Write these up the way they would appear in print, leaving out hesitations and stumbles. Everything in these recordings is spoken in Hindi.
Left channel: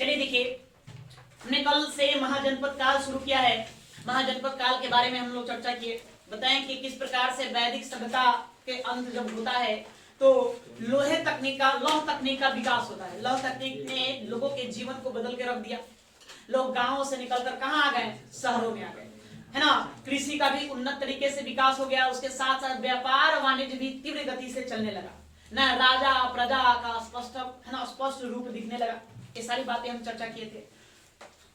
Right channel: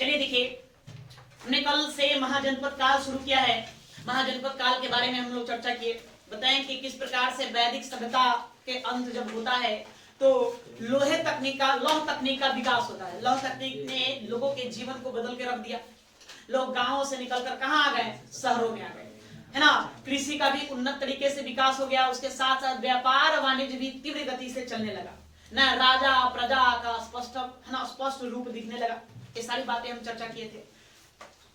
चलिए देखिए, हमने कल से महाजनपद काल शुरू किया है। महाजनपद काल के बारे में हम लोग चर्चा किए, बताएं कि किस प्रकार से वैदिक सभ्यता के अंत जब होता है तो लौह तकनीक का विकास होता है। लौह तकनीक ने लोगों के जीवन को बदल के रख दिया। लोग गांवों से निकलकर कहां आ गए? शहरों में आ गए, है ना। कृषि का भी उन्नत तरीके से विकास हो गया, उसके साथ साथ व्यापार वाणिज्य भी तीव्र गति से चलने लगा न। राजा प्रजा का स्पष्ट रूप दिखने लगा। ये सारी बातें हम चर्चा किए थे।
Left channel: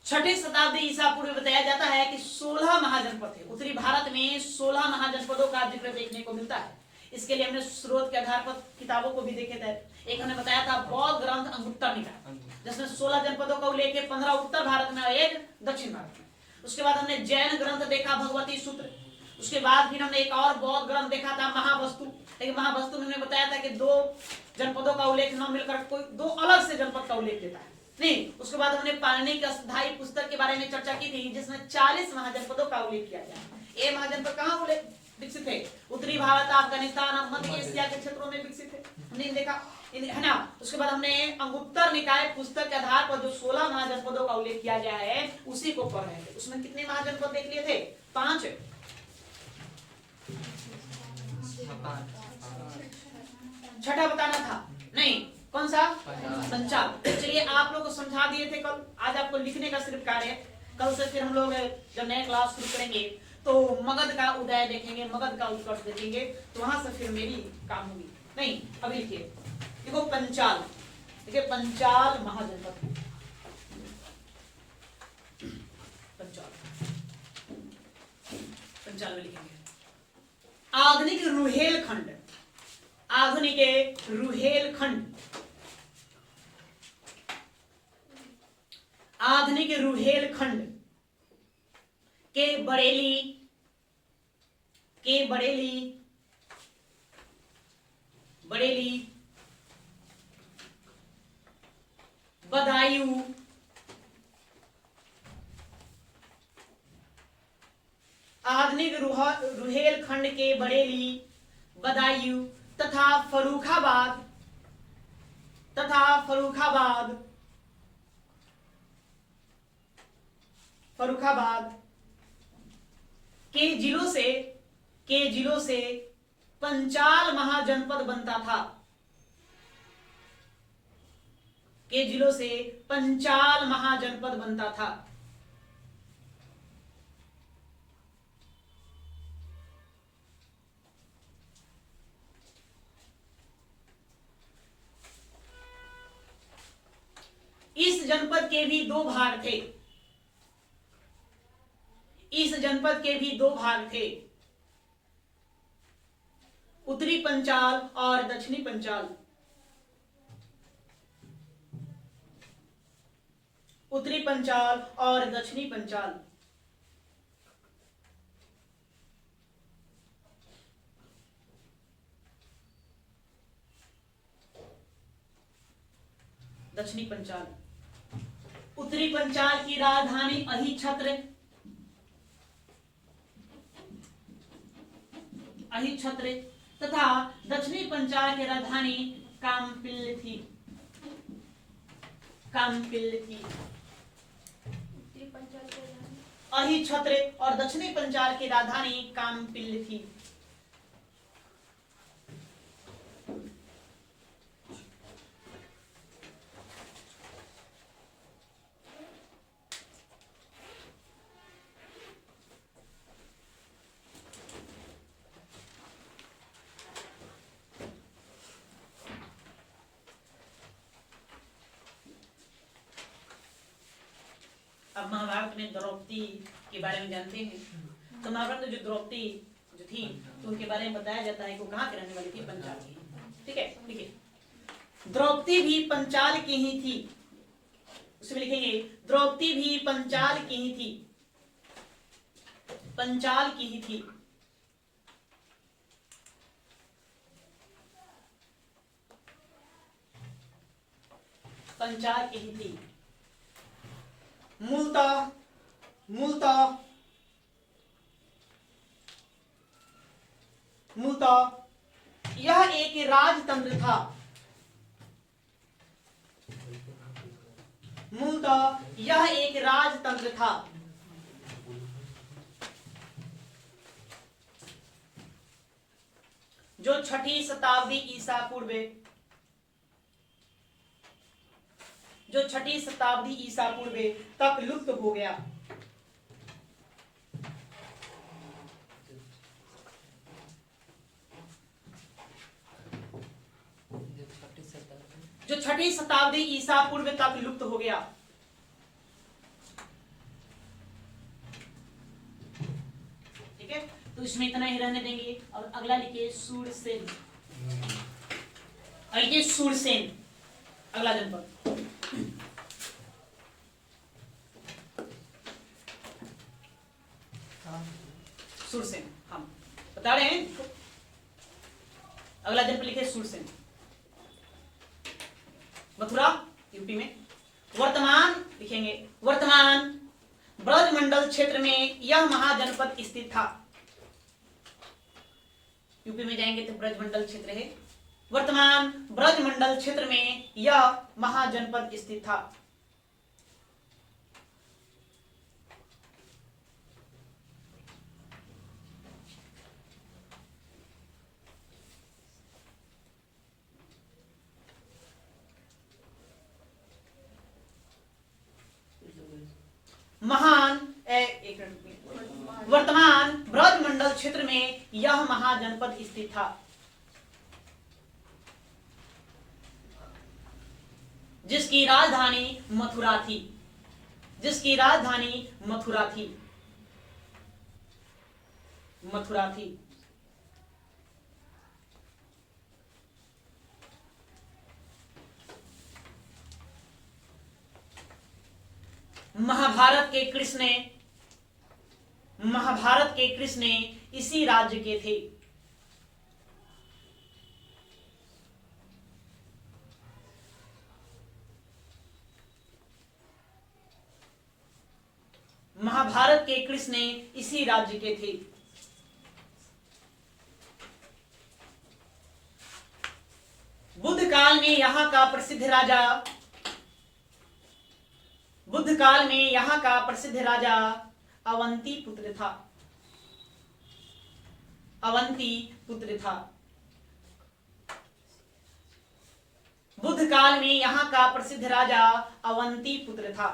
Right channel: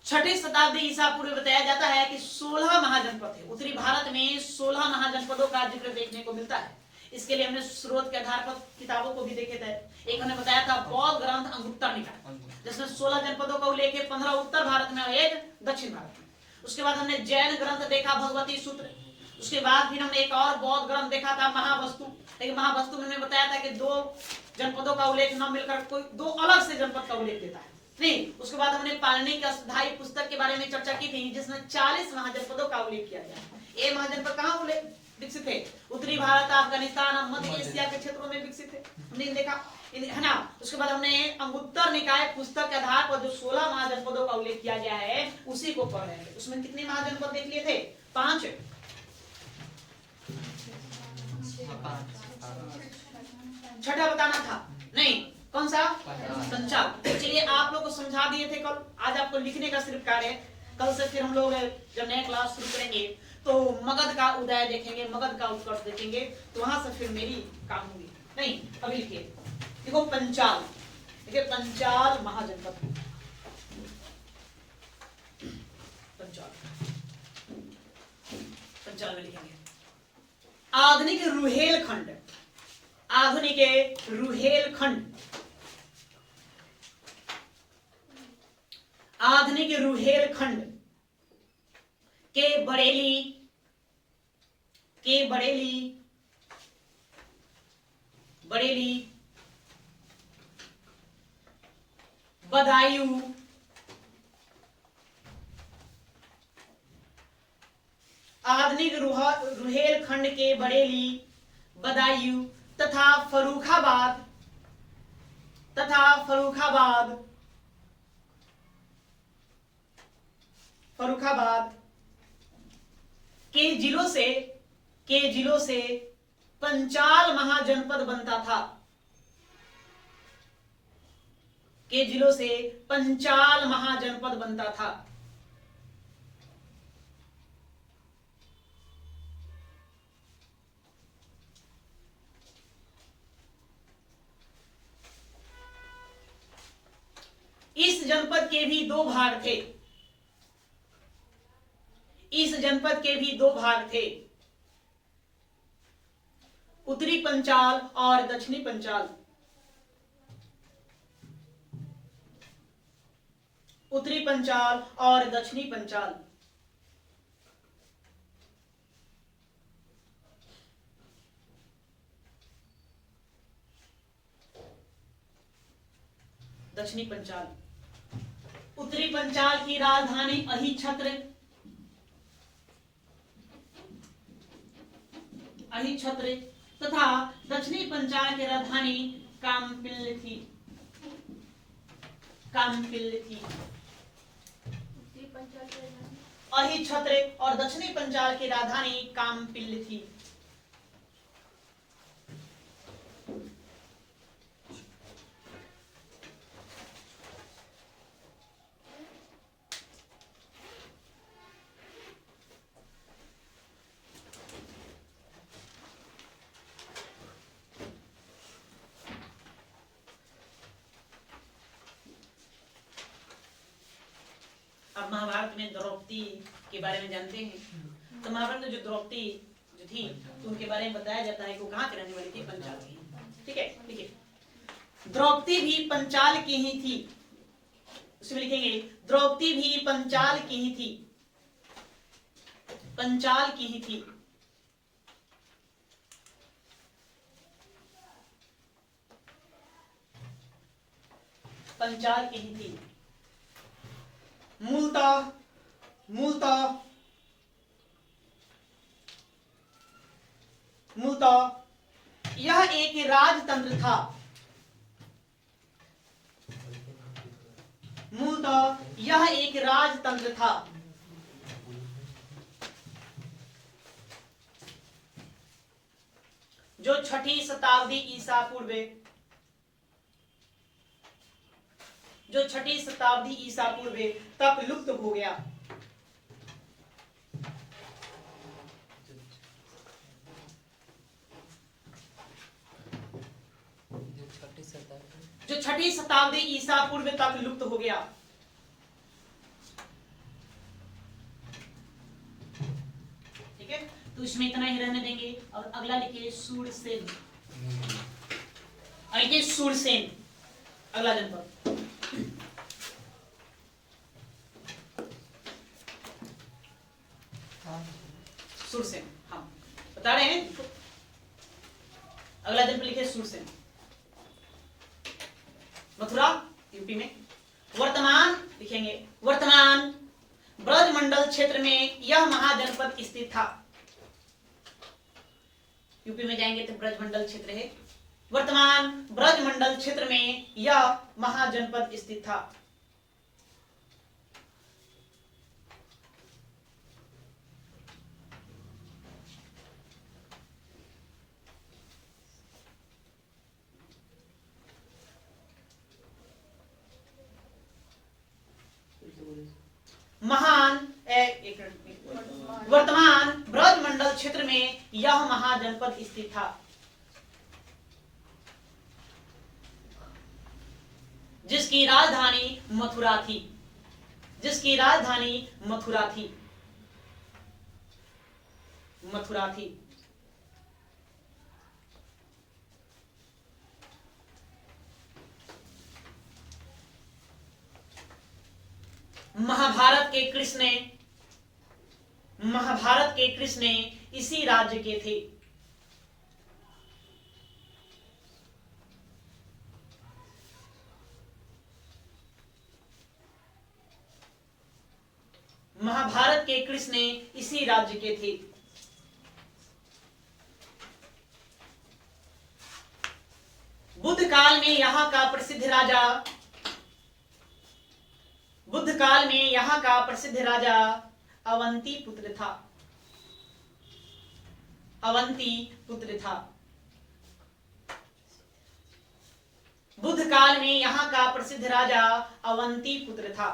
6वीं शताब्दी ईसा पूर्व बताया जाता है कि 16 महाजनपद थे। उत्तरी भारत में 16 महाजनपदों का जिक्र देखने को मिलता है। इसके लिए हमने स्रोत के आधार पर किताबों को भी देखे थे। एक हमने बताया था बौद्ध ग्रंथ अंगुत्तर निकाय, जिसमें 16 जनपदों का उल्लेख है, 15 उत्तर भारत में और 1 दक्षिण भारत में। उसके बाद हमने जैन ग्रंथ देखा, भगवती सूत्र। उसके बाद फिर हमने एक और बौद्ध ग्रंथ देखा था, महावस्तु। लेकिन महावस्तु में हमने बताया था कि 2 जनपदों का उल्लेख न मिलकर कोई 2 अलग से जनपद का उल्लेख देता है नहीं। उसके बाद हमने पाणिनि की अष्टधाई पुस्तक के बारे में चर्चा की थी, जिसमें 40 महाजनपदों का उल्लेख किया गया। ये महाजनपद कहाँ विकसित है? उत्तरी भारत, अफगानिस्तान, मध्य एशिया के क्षेत्रों में विकसित है, हमने देखा, है ना। उसके बाद हमने अंगुत्तर निकाय पुस्तक के आधार पर जो 16 महाजनपदों का उल्लेख किया गया है उसी को पढ़ रहे थे। उसमें कितने महाजनपद देख लिए थे? 5। छठा बताना था नहीं, कौन सा? पंचाल। चलिए आप लोग को समझा दिए थे कल, आज आपको लिखने का सिर्फ कार्य है। कल से फिर हम लोग जब नया क्लास शुरू करेंगे तो मगध का उदय देखेंगे, मगध का उत्कर्ष देखेंगे, तो वहां से फिर मेरी काम होगी। नहीं, अभी लिखिए, देखो पंचाल, देखिए पंचाल महाजनपद, पंचाल में लिखेंगे आधुनिक रुहेलखंड, आधुनिक रुहेलखंड, आधुनिक रुहेलखंड के बरेली, बदायूं, आधुनिक रुहेलखंड के बरेली, बदायूं तथा फर्रुखाबाद के जिलों से पंचाल महाजनपद बनता था। के जिलों से पंचाल महाजनपद बनता था। इस जनपद के भी 2 भाग थे। इस जनपद के भी 2 भाग थे, उत्तरी पंचाल और दक्षिणी पंचाल। उत्तरी पंचाल और दक्षिणी पंचाल। दक्षिणी पंचाल, उत्तरी पंचाल की राजधानी अहिछत्र तथा दक्षिणी पंचाल की राजधानी कामपिल्ल थी। अहिछत्र और दक्षिणी पंचाल की राजधानी कामपिल्ल थी। अब महाभारत में द्रौपदी के बारे में जानते हैं। तो महाभारत में जो द्रौपदी जो थी तो उनके बारे में बताया जाता है कि वो कहाँ की रहने वाली थी? पंचाल की। ठीक है, देखिए द्रौपदी भी पंचाल की ही थी। उसमें लिखेंगे द्रौपदी भी पंचाल की ही थी। पंचाल की ही थी। पंचाल की ही थी। मूलतः यह एक राजतंत्र था। मूलतः यह एक राजतंत्र था। जो 6ठी शताब्दी ईसा पूर्व तक लुप्त हो गया। जो 6ठी शताब्दी ईसा पूर्व तक लुप्त हो गया। ठीक है, तो इसमें इतना ही रहने देंगे और अगला लिखिए सूरसेन। लिखिए सूरसेन अगला जनपद। सूरसेन हम बता रहे हैं। अगला जनपद लिखिए सूरसेन, मथुरा यूपी में। वर्तमान लिखेंगे, वर्तमान ब्रजमंडल क्षेत्र में यह महाजनपद स्थित था। यूपी में जाएंगे तो ब्रजमंडल क्षेत्र है। वर्तमान ब्रजमंडल क्षेत्र में यह महाजनपद स्थित था। वर्तमान ब्रजमंडल क्षेत्र में यह महाजनपद स्थित था, जिसकी राजधानी मथुरा थी। जिसकी राजधानी मथुरा थी। मथुरा थी। महाभारत के कृष्ण इसी राज्य के थे। महाभारत के कृष्ण इसी राज्य के थे। बुद्ध काल में यहाँ का प्रसिद्ध राजा अवंती पुत्र था। बुद्ध काल में यहाँ का प्रसिद्ध राजा अवंती पुत्र था।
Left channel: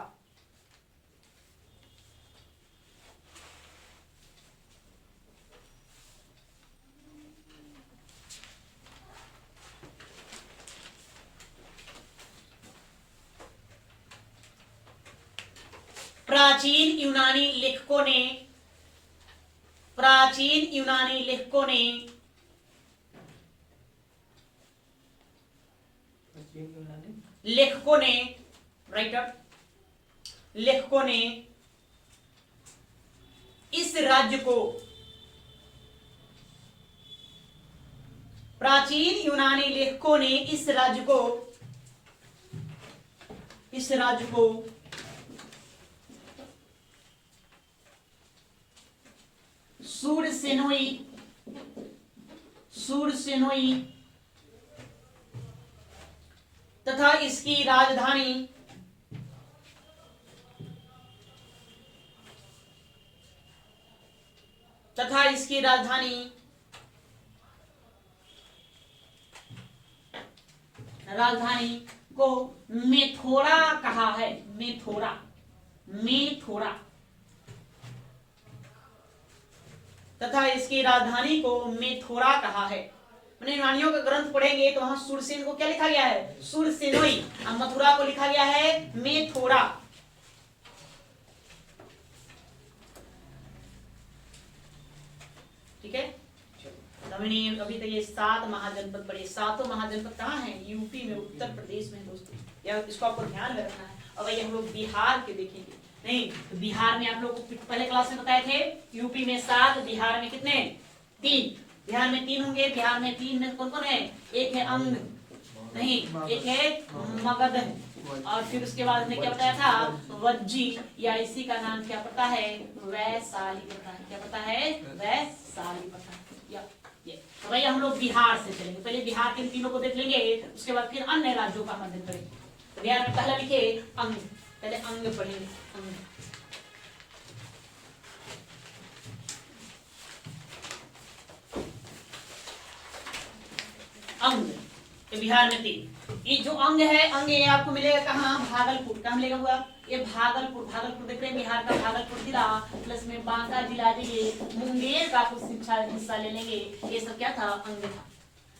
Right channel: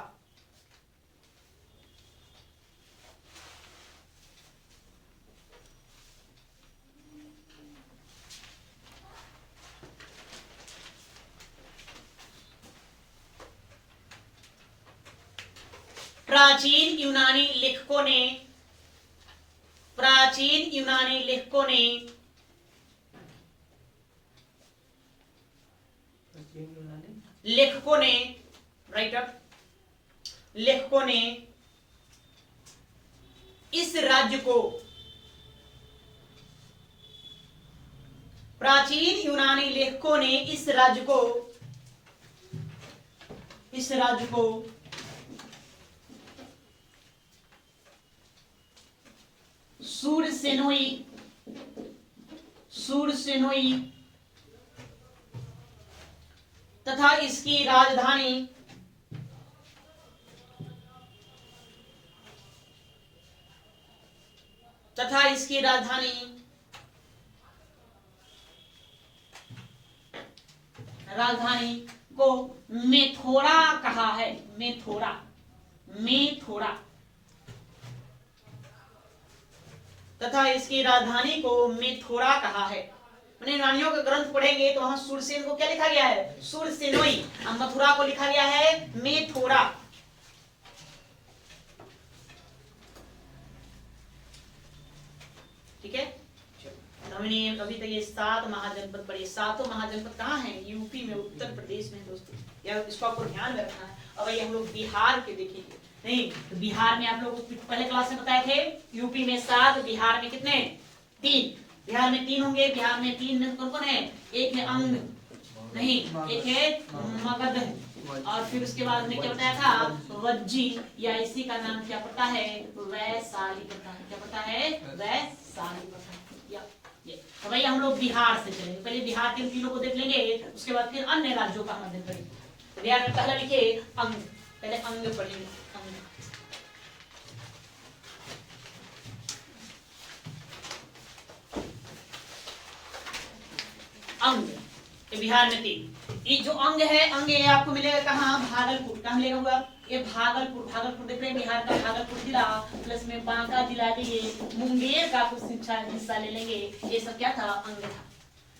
प्राचीन यूनानी लेखकों ने इस राज्य को, प्राचीन यूनानी लेखकों ने इस राज्य को सुरसेनोई तथा इसकी राजधानी को मेथोरा कहा है। मेथोरा तथा इसकी राजधानी को मेथोरा कहा है। मैंने यूनानियों का ग्रंथ पढ़ेंगे तो वहां सुरसेन को क्या लिखा गया है? सुरसेनोई। और मथुरा को लिखा गया है मेथोरा। ठीक है, तो हमने अभी तक ये 7 महाजनपद पढ़े। 7 महाजनपद कहाँ हैं? यूपी में, उत्तर प्रदेश में दोस्तों। या इसको आपको ध्यान में रखना है। अब ये हम लोग बिहार के देखेंगे। नहीं, तो बिहार में आप लोग पहले क्लास में बताए थे, यूपी में 7, बिहार में कितने? 3। बिहार में 3 होंगे। बिहार में 3 में कौन कौन है? एक है अंग, नहीं, एक है मगध, और फिर उसके बाद हमने क्या बताया था? वज्जी, या इसी का नाम क्या पड़ता है? वैशाली पड़ता है। क्या पड़ता है? वैशाली पड़ता है। तो भैया हम लोग बिहार से चलेंगे। पहले बिहार के तीनों को देख लेंगे, उसके बाद फिर अन्य राज्यों का हम अध्ययन करेंगे। तो बिहार में पहला लिखे अंग। पहले अंग पढ़ेंगे। अंग ये बिहार में थी। ये जो अंग है, अंग ये आपको मिलेगा कहाँ? भागलपुर। कहाँ मिलेगा हुआ? ये भागलपुर देख रहे हैं, बिहार का भागलपुर जिला, प्लस में बांका जिला देंगे, मुंगेर का कुछ शिक्षा हिस्सा ले लेंगे। ये सब क्या था? अंग था।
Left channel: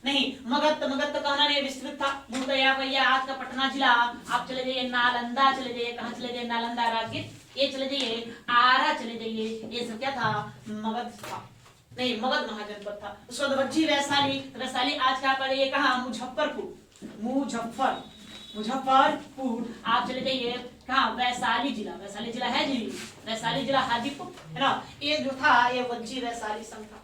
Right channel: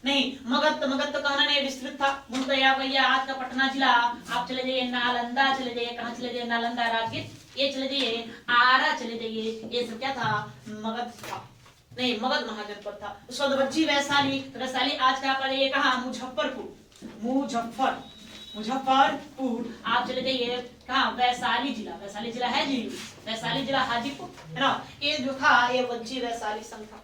नहीं, मगध तो कहना नहीं, विस्तृत था। भैया आज का पटना जिला, आप चले जाइए नालंदा, चले जाइए, कहाँ चले जाइए? नालंदा राजगीर, ये चले जाइए आरा, चले जाइए, ये सब क्या था? मगध था। नहीं, मगध महाजनपद था। उसके बाद वज्जी वैशाली आज का पड़ेगा कहाँ? मुजफ्फरपुर आप चले जाइए कहाँ? वैशाली जिला है जी, वैशाली जिला हाजीपुर है ना। ये जो था ये वज्जी वैशाली संघ था।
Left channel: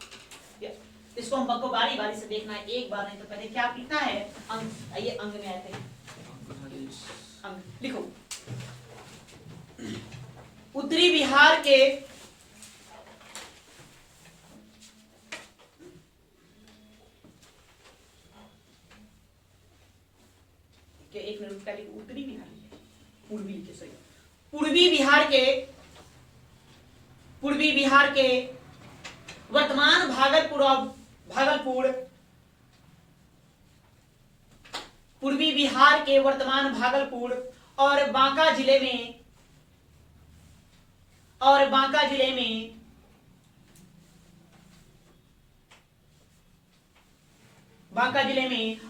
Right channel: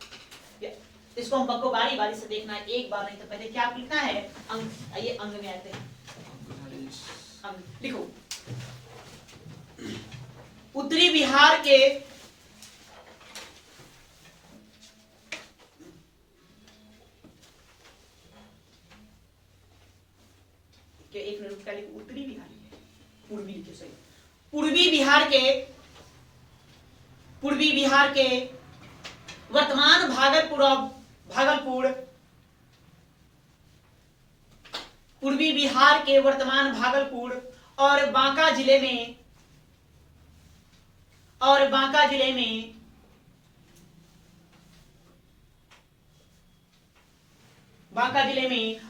इसको हम सबको बारी से देखना है, एक बार नहीं तो पहले क्या लिखना है? अंग। आइए अंग में आते हैं। अंग लिखो। उत्तरी बिहार के एक मिनट का लिखो। उत्तरी बिहार के पूर्वी के सही पूर्वी बिहार के वर्तमान पूर्वी बिहार के वर्तमान भागलपुर और बांका जिले में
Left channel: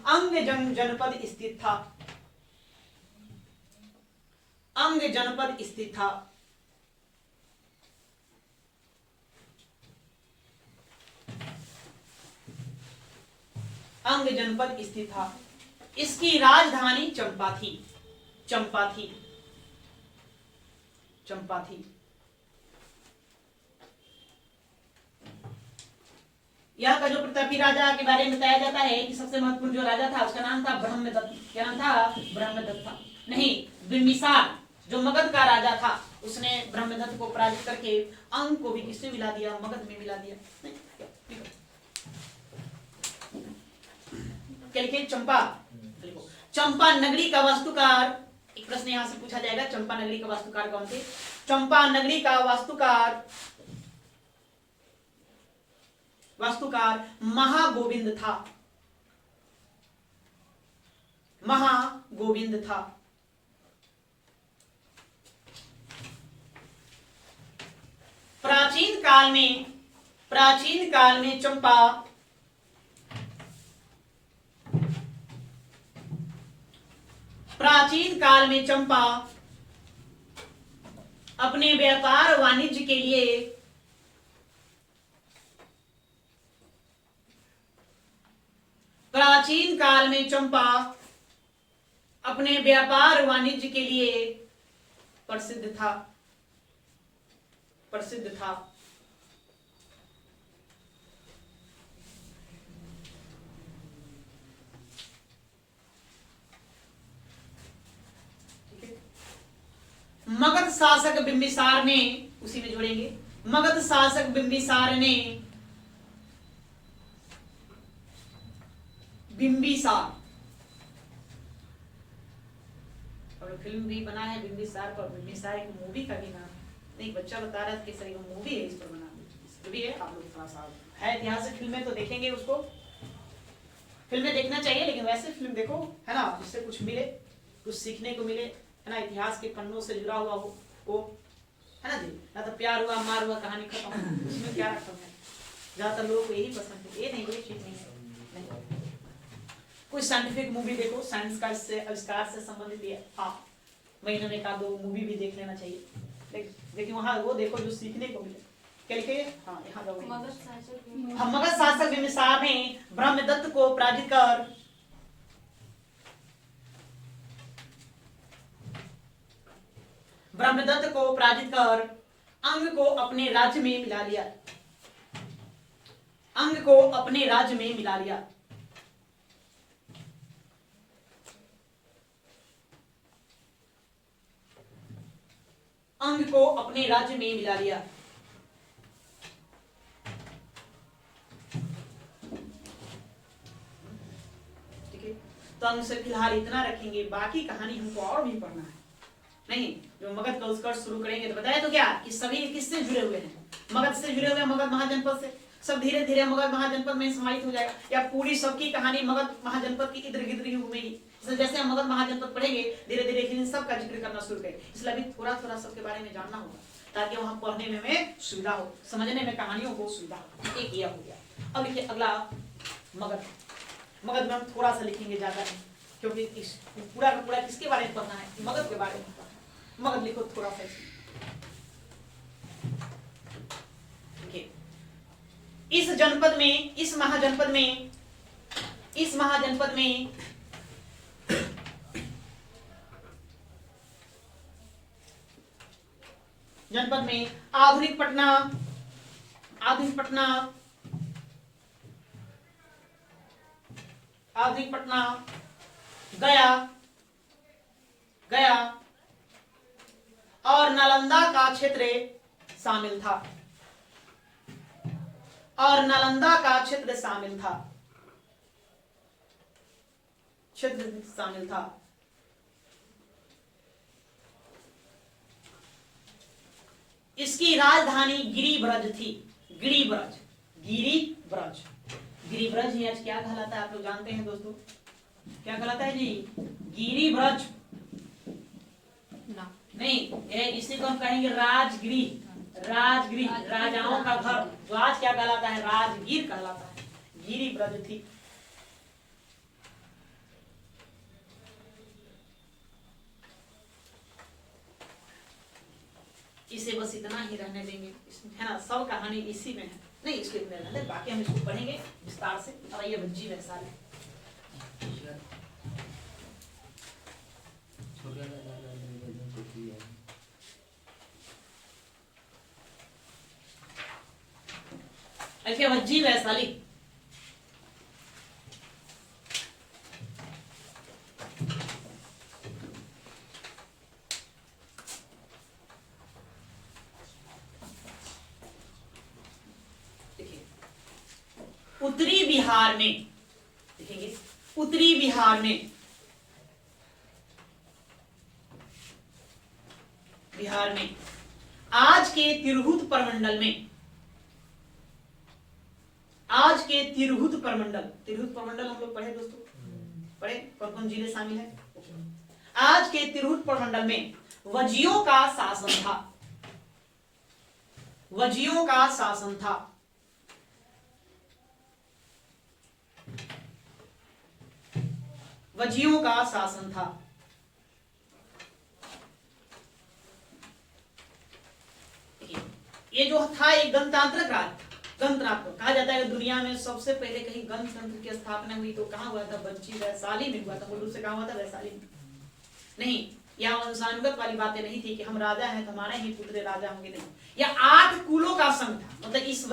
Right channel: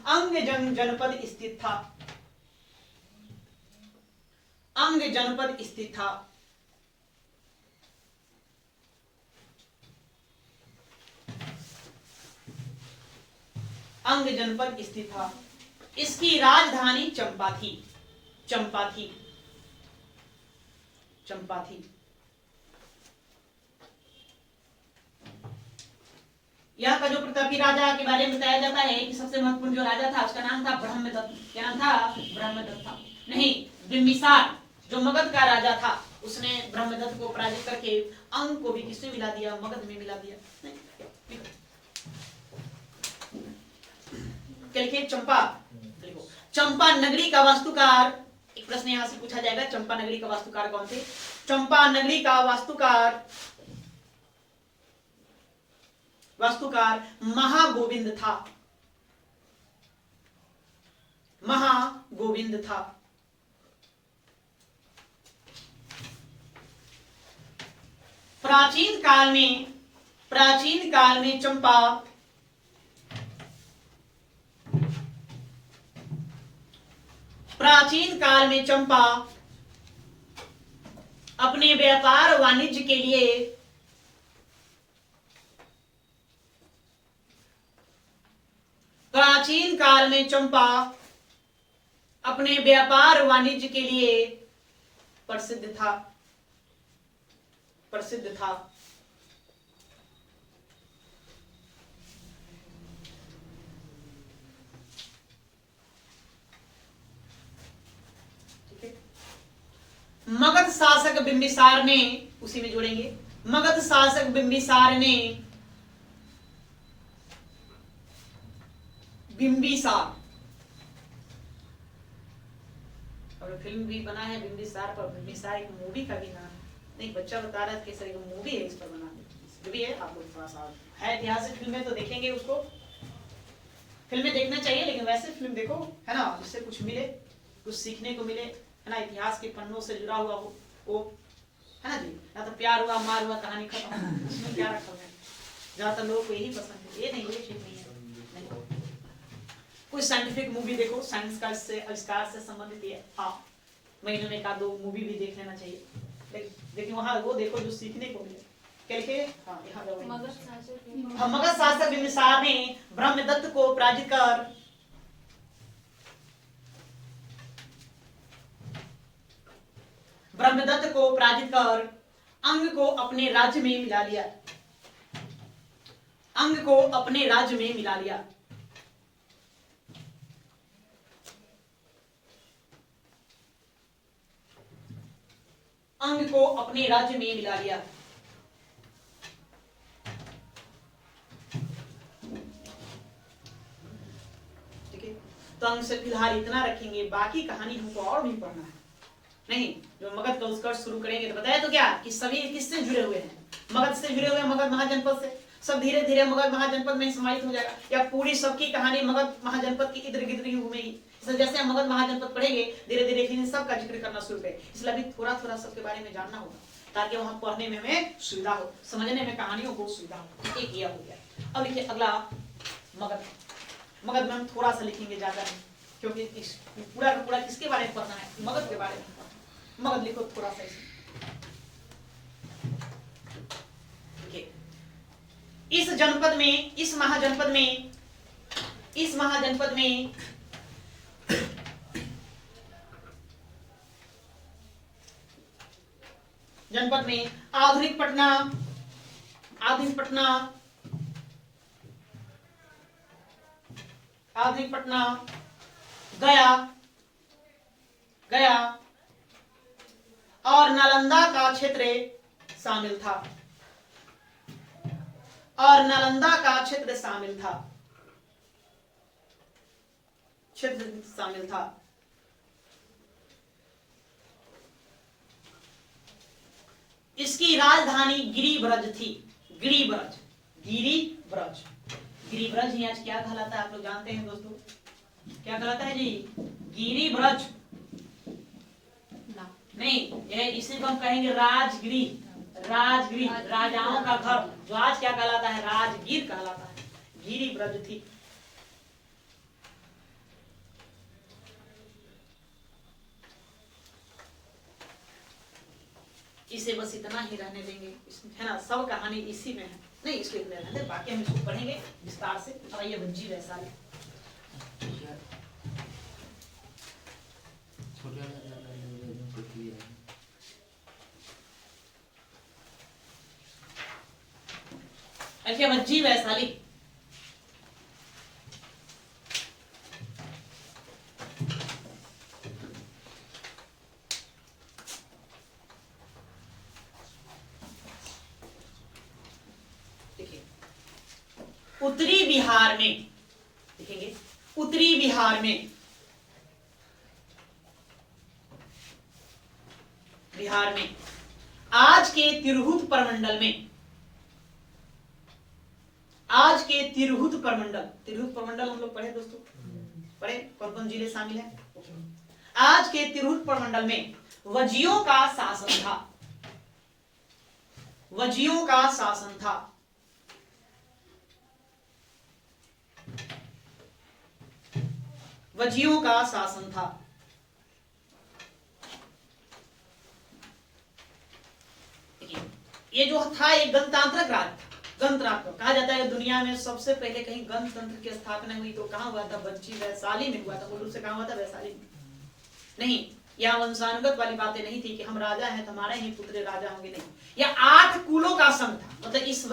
अंग जनपद स्थित था। अंग जनपद स्थित था। अंग जनपद स्थित था। इसकी राजधानी चंपा थी। यहाँ का जो प्रतापी राजा के बारे में बताया जाता है कि सबसे महत्वपूर्ण जो राजा था उसका नाम था ब्रह्मदत्त। क्या नाम था? ब्रह्मदत्त था। नहीं, बिम्बिसार जो मगध का राजा था, उसने ब्रह्मदत्त को पराजित करके अंग को भी किससे मिला दिया? मगध में मिला दिया। क्या लिखे? चंपा। चंपा नगरी का वास्तुकार, एक प्रश्न यहां से पूछा जाएगा, चंपा नगरी का वास्तुकार कौन थे? चंपा नगरी का वास्तुकार महागोविंद था। प्राचीन काल में चंपा अपने व्यापार वाणिज्य के लिए प्रसिद्ध था। मगध शासक बिंबिसार ने, उसी में जोड़ेंगे, मगध शासक बिंबिसार ने और फिल्म भी बना है बिंबिसार पर। बिंबिसार एक मूवी का भी नाम है। नहीं, बच्चा बता रहा था कि सर मूवी है इस पर बना भी है। आप लोग थोड़ा सा है ऐतिहासिक फिल्में तो देखेंगे, उसको फिल्में देखना चाहिए, लेकिन वैसे फिल्म देखो है ना, जिससे कुछ मिले, कुछ सीखने को मिले है ना, इतिहास के पन्नों से जुड़ा हुआ वो है ना जी। ना तो प्यार हुआ, मार हुआ, कहानी खत्म, उसमें क्या रखा है? ज्यादातर लोगों को यही पसंद है। ये नहीं, ये ठीक नहीं है। नहीं, कोई साइंटिफिक मूवी देखो, साइंस का इससे आविष्कार से संबंधित है। हाँ, महीने में 1-2 मूवी भी देख लेना चाहिए, लेकिन वहां वो देखो जो सीखने को मिले। क्या लिखे? हाँ, यहाँ मगध शासक बिंबिसार ने ब्रह्मदत्त को पराजित कर अंग को अपने राज्य में मिला लिया। अंग को अपने राज्य में मिला लिया। अंग को अपने राज्य में मिला लिया। ठीक है, तो अंग से फिलहाल इतना रखेंगे, बाकी कहानी हमको और भी पढ़ना है। नहीं, जो मगध का उत्कर्ष शुरू करेंगे। तो बताया तो क्या कि सभी किससे जुड़े हुए हैं, मगध से जुड़े हुए हैं, मगध महाजनपद से। सब धीरे धीरे मगध महाजनपद में समाहित हो जाएगा, या पूरी सबकी कहानी मगध महाजनपद की इधर गिधर ही घूमेगी। जैसे हम मगध महाजनपद पढ़ेंगे धीरे धीरे इन सब का जिक्र करना शुरू करें। इसलिए अभी थोड़ा थोड़ा सबके बारे में जानना होगा ताकि वहां पढ़ने में हमें सुविधा हो, समझने में कहानियों को सुविधा हो। एक यह हो गया। अब लिखिए अगला मगध। मगध में हम थोड़ा सा लिखेंगे, ज्यादा नहीं, क्योंकि इस पूरा का पूरा किसके बारे में पढ़ना है, मगध के बारे में पढ़ना है। मगध लिखो थोड़ा सा। देखिए इस जनपद में, इस महाजनपद में, इस महाजनपद में जनपद में आधुनिक पटना, आधुनिक पटना, आधुनिक पटना, गया, गया और नालंदा का क्षेत्र शामिल था, और नालंदा का क्षेत्र शामिल था, क्षेत्र शामिल था। इसकी राजधानी गिरिब्रज थी। गिरिब्रज, गिरिब्रज, गिरिब्रज ही आज क्या कहलाता है आप लोग जानते हैं दोस्तों, क्या कहलाता है जी, गिरिब्रज नहीं, ये इसी को हम कहेंगे राजगिरी। राजगिरी राजाओं का घर, जो आज क्या कहलाता है, राजगीर कहलाता है। गिरिब्रज थी। इसे बस इतना ही रहने देंगे, है ना, सब कहानी इसी में है। नहीं इसको इतने रहने, बाकी हम इसको पढ़ेंगे विस्तार से। और ये भज्जी वैशाली, भज्जी वैशाली। उत्तरी बिहार में देखेंगे, उत्तरी बिहार में, बिहार में आज के तिरहुत प्रमंडल में, आज के तिरहुत प्रमंडल, तिरहुत प्रमंडल हम लोग पढ़े दोस्तों, पढ़े कौन कौन जिले शामिल है। आज के तिरहुत प्रमंडल में वजियों का शासन था, वजियों का शासन था। वजियों का शासन था। ये जो था एक गणतांत्रिक राज था। गणतंत्र कहा जाता है दुनिया में सबसे पहले कहीं गणतंत्र की स्थापना हुई तो कहां हुआ था, भज्जी वैशाली में हुआ था। मूल रूप से कहां हुआ था, वैशाली में। नहीं, यहाँ वंशानुगत वाली बातें नहीं थी कि हम राजा हैं तो हमारे ही पुत्र राजा होंगे, नहीं। यह 8 कुलों का संघ था। मतलब इस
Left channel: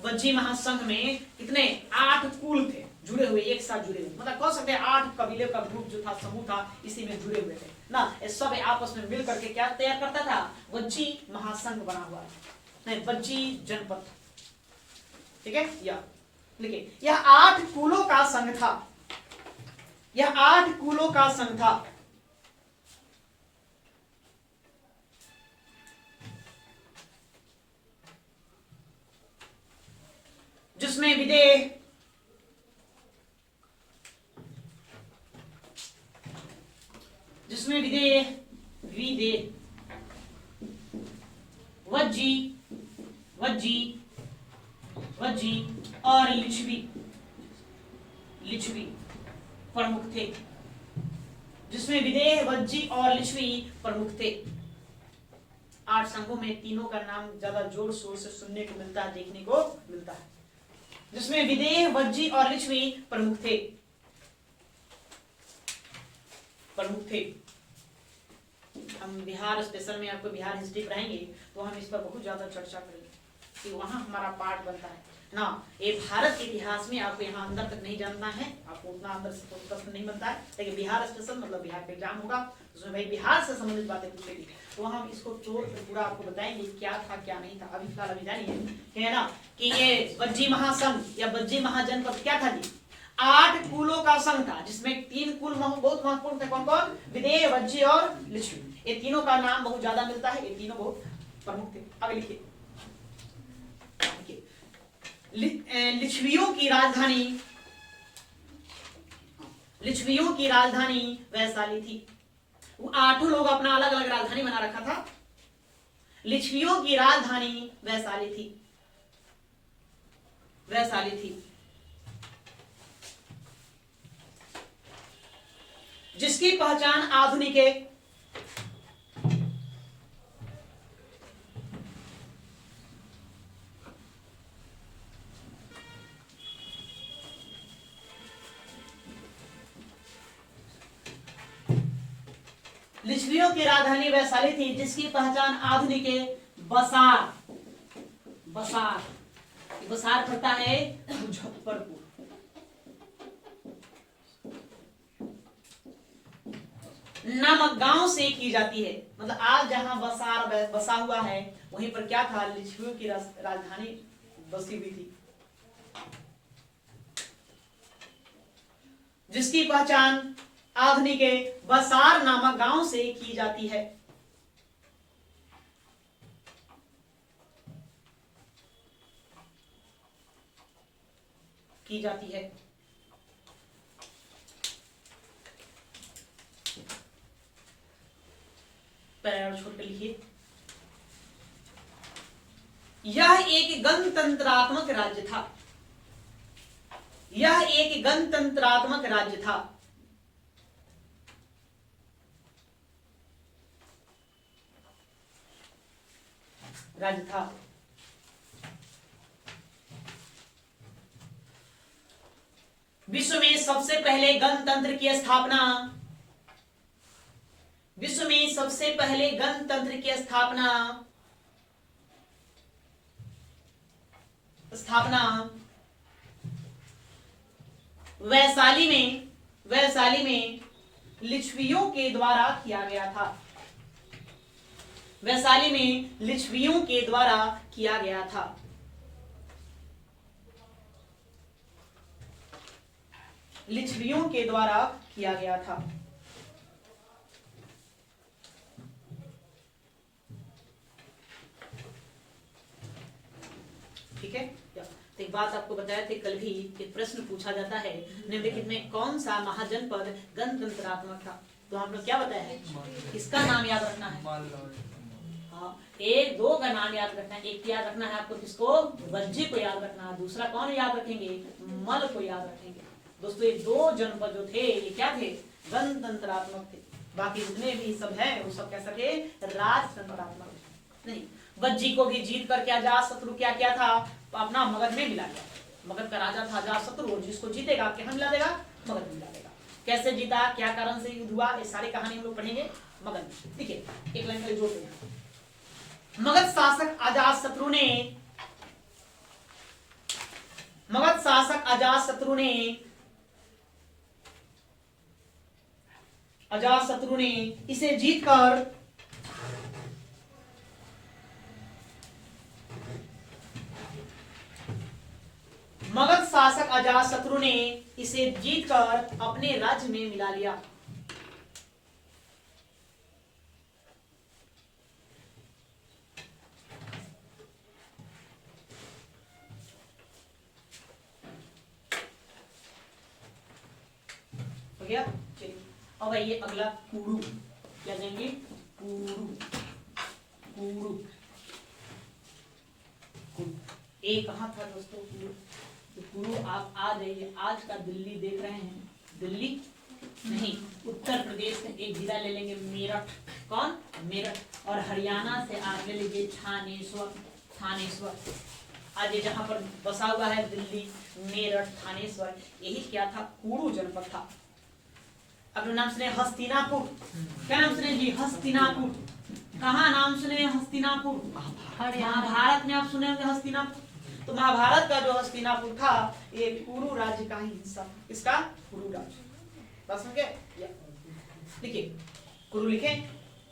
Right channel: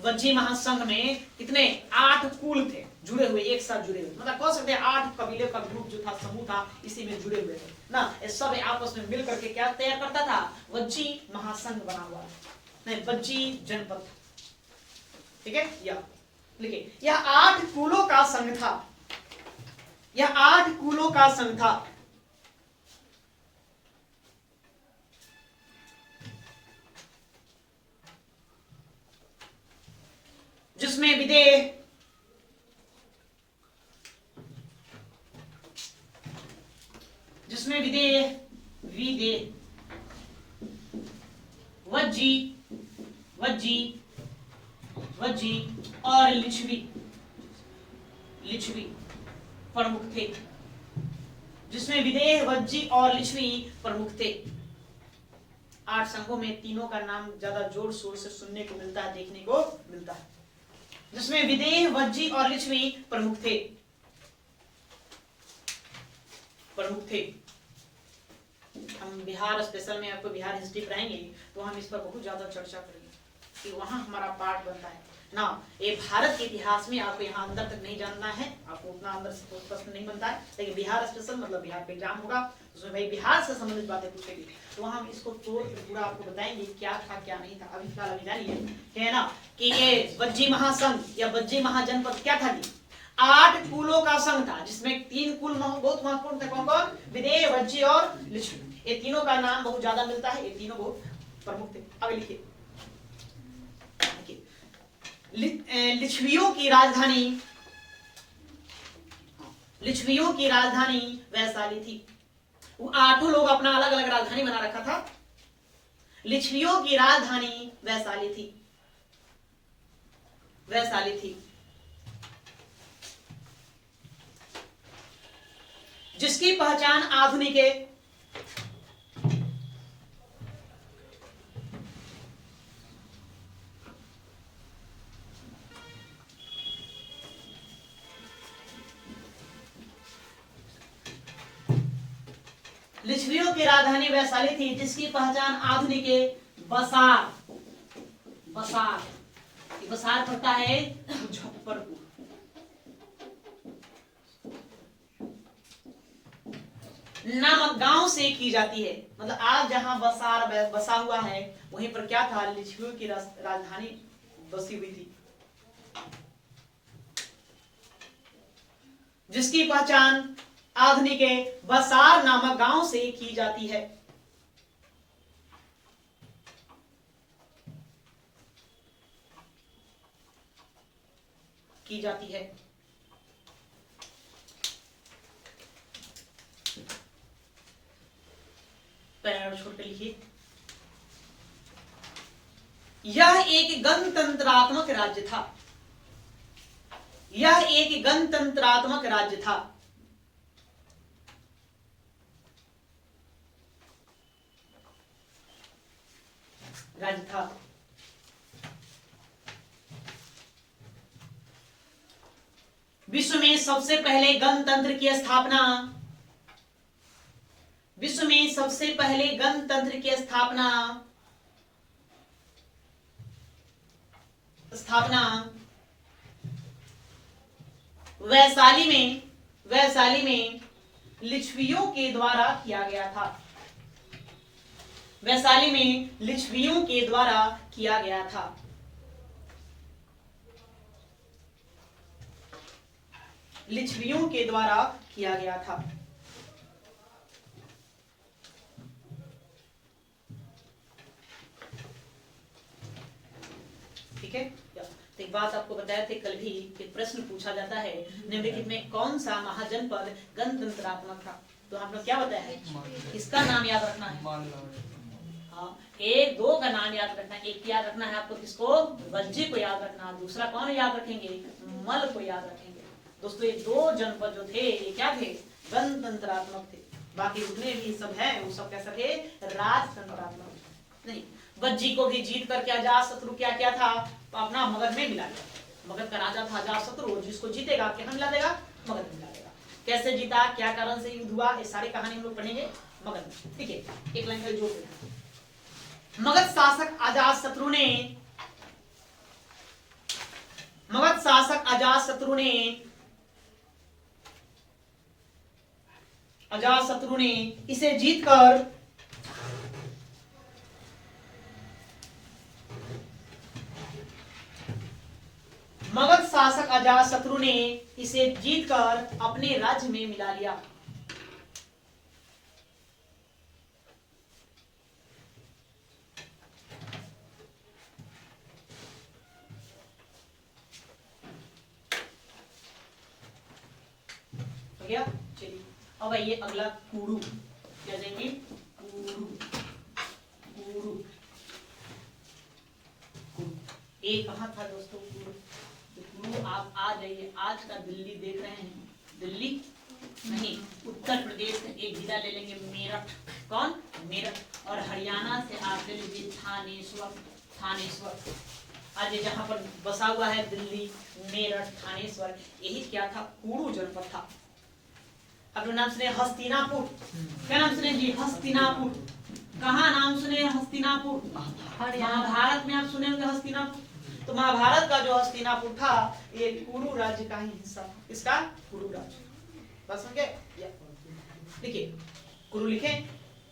वज्जी महासंघ में कितने 8 कुल थे जुड़े हुए, एक साथ जुड़े हुए। मतलब कह सकते हैं 8 कबीले का ग्रुप जो था, समूह था, इसी में जुड़े हुए थे ना। सब आपस में मिल करके क्या तैयार करता था, वज्जी महासंघ बना हुआ, नहीं वज्जी जनपद। ठीक है, यह देखिए, यह 8 कुलों का संघ था, यह 8 कुलों का संघ था। जिसमें विदेह, जिसमें विदेह, विदेह, वज्जी, वज्जी, वज्जी और लिच्छवी, लिच्छवी प्रमुख थे। जिसमें विदेह, वज्जी और लिच्छवी प्रमुख थे। 8 संघों में तीनों का नाम ज्यादा जोर शोर से सुनने को मिलता है, देखने को मिलता है। जिसमें विदेह, वज्जी और लिच्छवी प्रमुख थे, प्रमुख थे। हम बिहार स्पेशल में आपको बिहार हिस्ट्री पढ़ाएंगे तो हम इस पर बहुत ज्यादा चर्चा करेंगे कि वहां हमारा पार्ट बनता है ना। ये भारत के इतिहास में आपको यहाँ अंदर तक नहीं जानना है, आपको उतना अंदर से कोई प्रश्न नहीं बनता है। लेकिन बिहार स्पेशल मतलब बिहार पे एग्जाम होगा, उसमें भाई बिहार से संबंधित बातें पूछेगी, तो हम इसको तोड़ के पूरा आपको बताएंगे क्या था क्या नहीं था। अभी फिलहाल अभी जानिए है ना कि ये वज्जी महासंघ या वज्जी महाजनपद क्या था जी, 8 कुलों का संघ था। जिसमें 3 कुल बहुत महत्वपूर्ण थे, कौन कौन, विदेह, वज्जी और लिच्छवी। ये तीनों का नाम बहुत ज्यादा मिलता है, ये तीनों बहुत प्रमुख थे। आगे लिखिए, लिच्छवियों की राजधानी, लिच्छवियों की राजधानी वैशाली थी। वो 8 लोग अपना अलग अलग राजधानी बना रखा था। लिच्छवियों की राजधानी वैशाली थी, वैशाली थी, जिसकी पहचान आधुनिक लिच्छवियों की राजधानी वैशाली थी, जिसकी पहचान आधुनिक बसार, बसार, बसार पड़ता है मुजफ्फरपुर, नामक गांव से की जाती है। मतलब आज जहां बसार बसा हुआ है, वहीं पर क्या था, लिच्छवियों की राजधानी बसी हुई थी, जिसकी पहचान आधुनिक बसार नामक गांव से की जाती है। की जाती है। पैर छोड़ कर लिखिए, यह एक गणतंत्रात्मक राज्य था, यह एक गणतंत्रात्मक राज्य था, राज्य था। विश्व में सबसे पहले गणतंत्र की स्थापना, विश्व में सबसे पहले गणतंत्र की स्थापना वैशाली में, वैशाली में लिच्छवियों के द्वारा किया गया था, वैशाली में लिच्छवियों के द्वारा किया गया था। लिच्छवियों के द्वारा किया गया था। ठीक है। तो एक बात आपको बताया थे कल भी कि प्रश्न पूछा जाता है निम्नलिखित में कौन सा महाजनपद गणतंत्रात्मक था। तो आपने क्या बताया है, इसका नाम याद रखना है। हाँ, 1 2 का नाम याद रखना है। एक याद रखना है आपको, किसको, वज्जी को याद रखना। दूसरा कौन याद रखेंगे, मल को याद रखेंगे। दोस्तों ये 2 जनपद जो थे ये क्या थे, गणतंत्रात्मक थे। बाकी जितने भी सब है वो सब कैसा थे, राजतंत्रात्मक। नहीं, वज्जी को भी जीत करके अजातशत्रु क्या किया था, अपना मगध में मिला लिया। मगध का राजा था अजातशत्रु, जिसको जीतेगा क्या मिला देगा, मगध में मिला देगा। कैसे जीता, क्या कारण से युद्ध हुआ, ये सारी कहानी हम लोग पढ़ेंगे मगध में। ठीक है, एक लाइन का जोड़ देना। मगध शासक अजातशत्रु ने, मगध शासक अजातशत्रु ने इसे जीतकर मगध शासक अजातशत्रु ने इसे जीतकर अपने राज्य में मिला लिया। हो गया। चलिए अब आइए अगला, कुरु। क्या जाएंगे, कुरु। कुरु, ये कहाँ था दोस्तों, कुरु। आप आ जाइए, आज का दिल्ली देख रहे हैं, दिल्ली नहीं, उत्तर प्रदेश का एक जिला ले लेंगे, मेरठ। कौन, मेरठ। और हरियाणा से आप ले लीजिए थानेश्वर। थानेश्वर आज ये जहां पर बसा हुआ है दिल्ली, मेरठ, थानेश्वर, यही क्या था, कुरु जनपद था। अपना नाम सुने हस्तिनापुर। क्या नाम सुने जी, हस्तिनापुर। कहाँ नाम सुने, हस्तिनापुर। महाभारत में आप सुने होंगे हस्तिनापुर। तो महाभारत का जो हस्तिनापुर था ये कुरु राज्य का ही हिस्सा। इसका कुरु राज्य, बस समझ गए। लिखिए कुरु, लिखे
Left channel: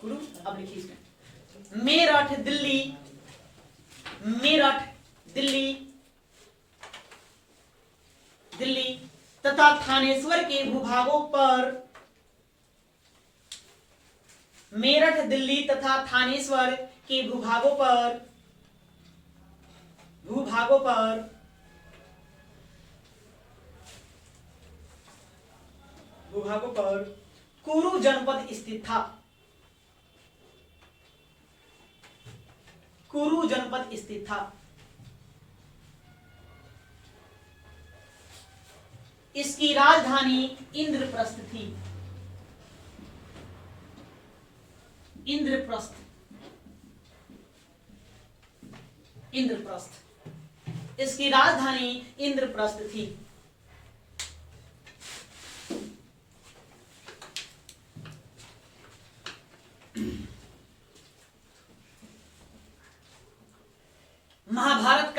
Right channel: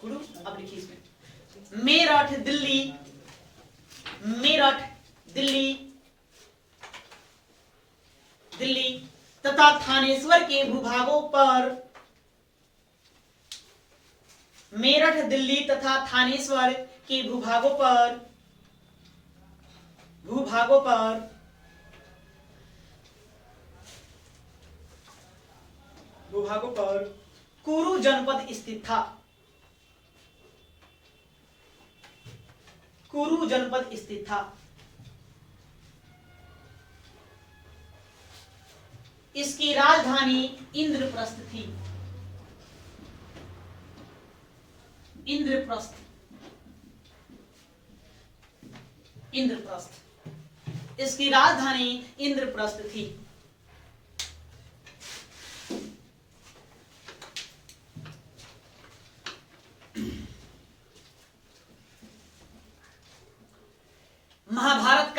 कुरु। अब लिखिए इसमें मेरठ दिल्ली, मेरठ दिल्ली, दिल्ली तथा थानेश्वर के भूभागों पर मेरठ, दिल्ली तथा थानेश्वर के भूभागों पर कुरु जनपद स्थित था। कुरु जनपद स्थित था। इसकी राजधानी इंद्रप्रस्थ थी। इंद्रप्रस्थ इसकी राजधानी इंद्रप्रस्थ थी। महाभारत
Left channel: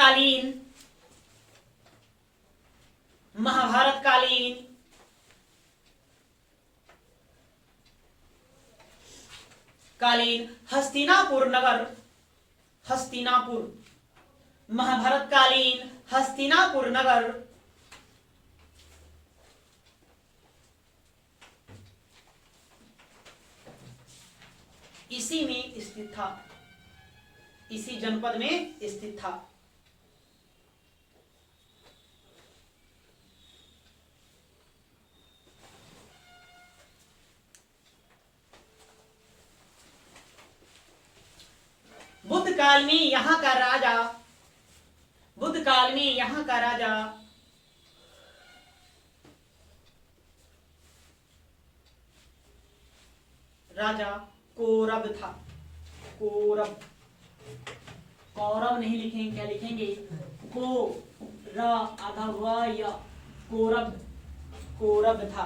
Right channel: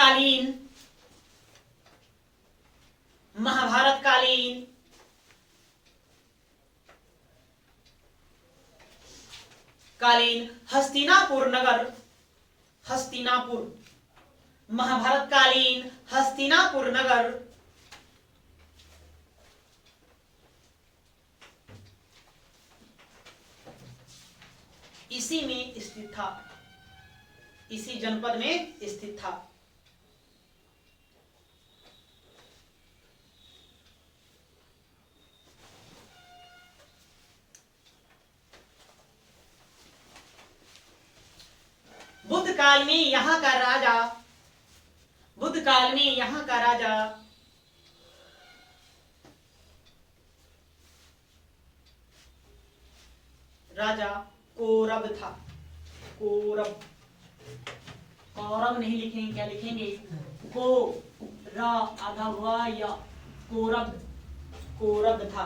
कालीन हस्तिनापुर नगर, महाभारत कालीन हस्तिनापुर नगर इसी में स्थित था, इसी जनपद में स्थित था। बुद्ध काल में यहाँ का राजा कौरव था। कौरव नहीं लिखेंगे, क्या लिखेंगे? को र आधा व य, कौरव था।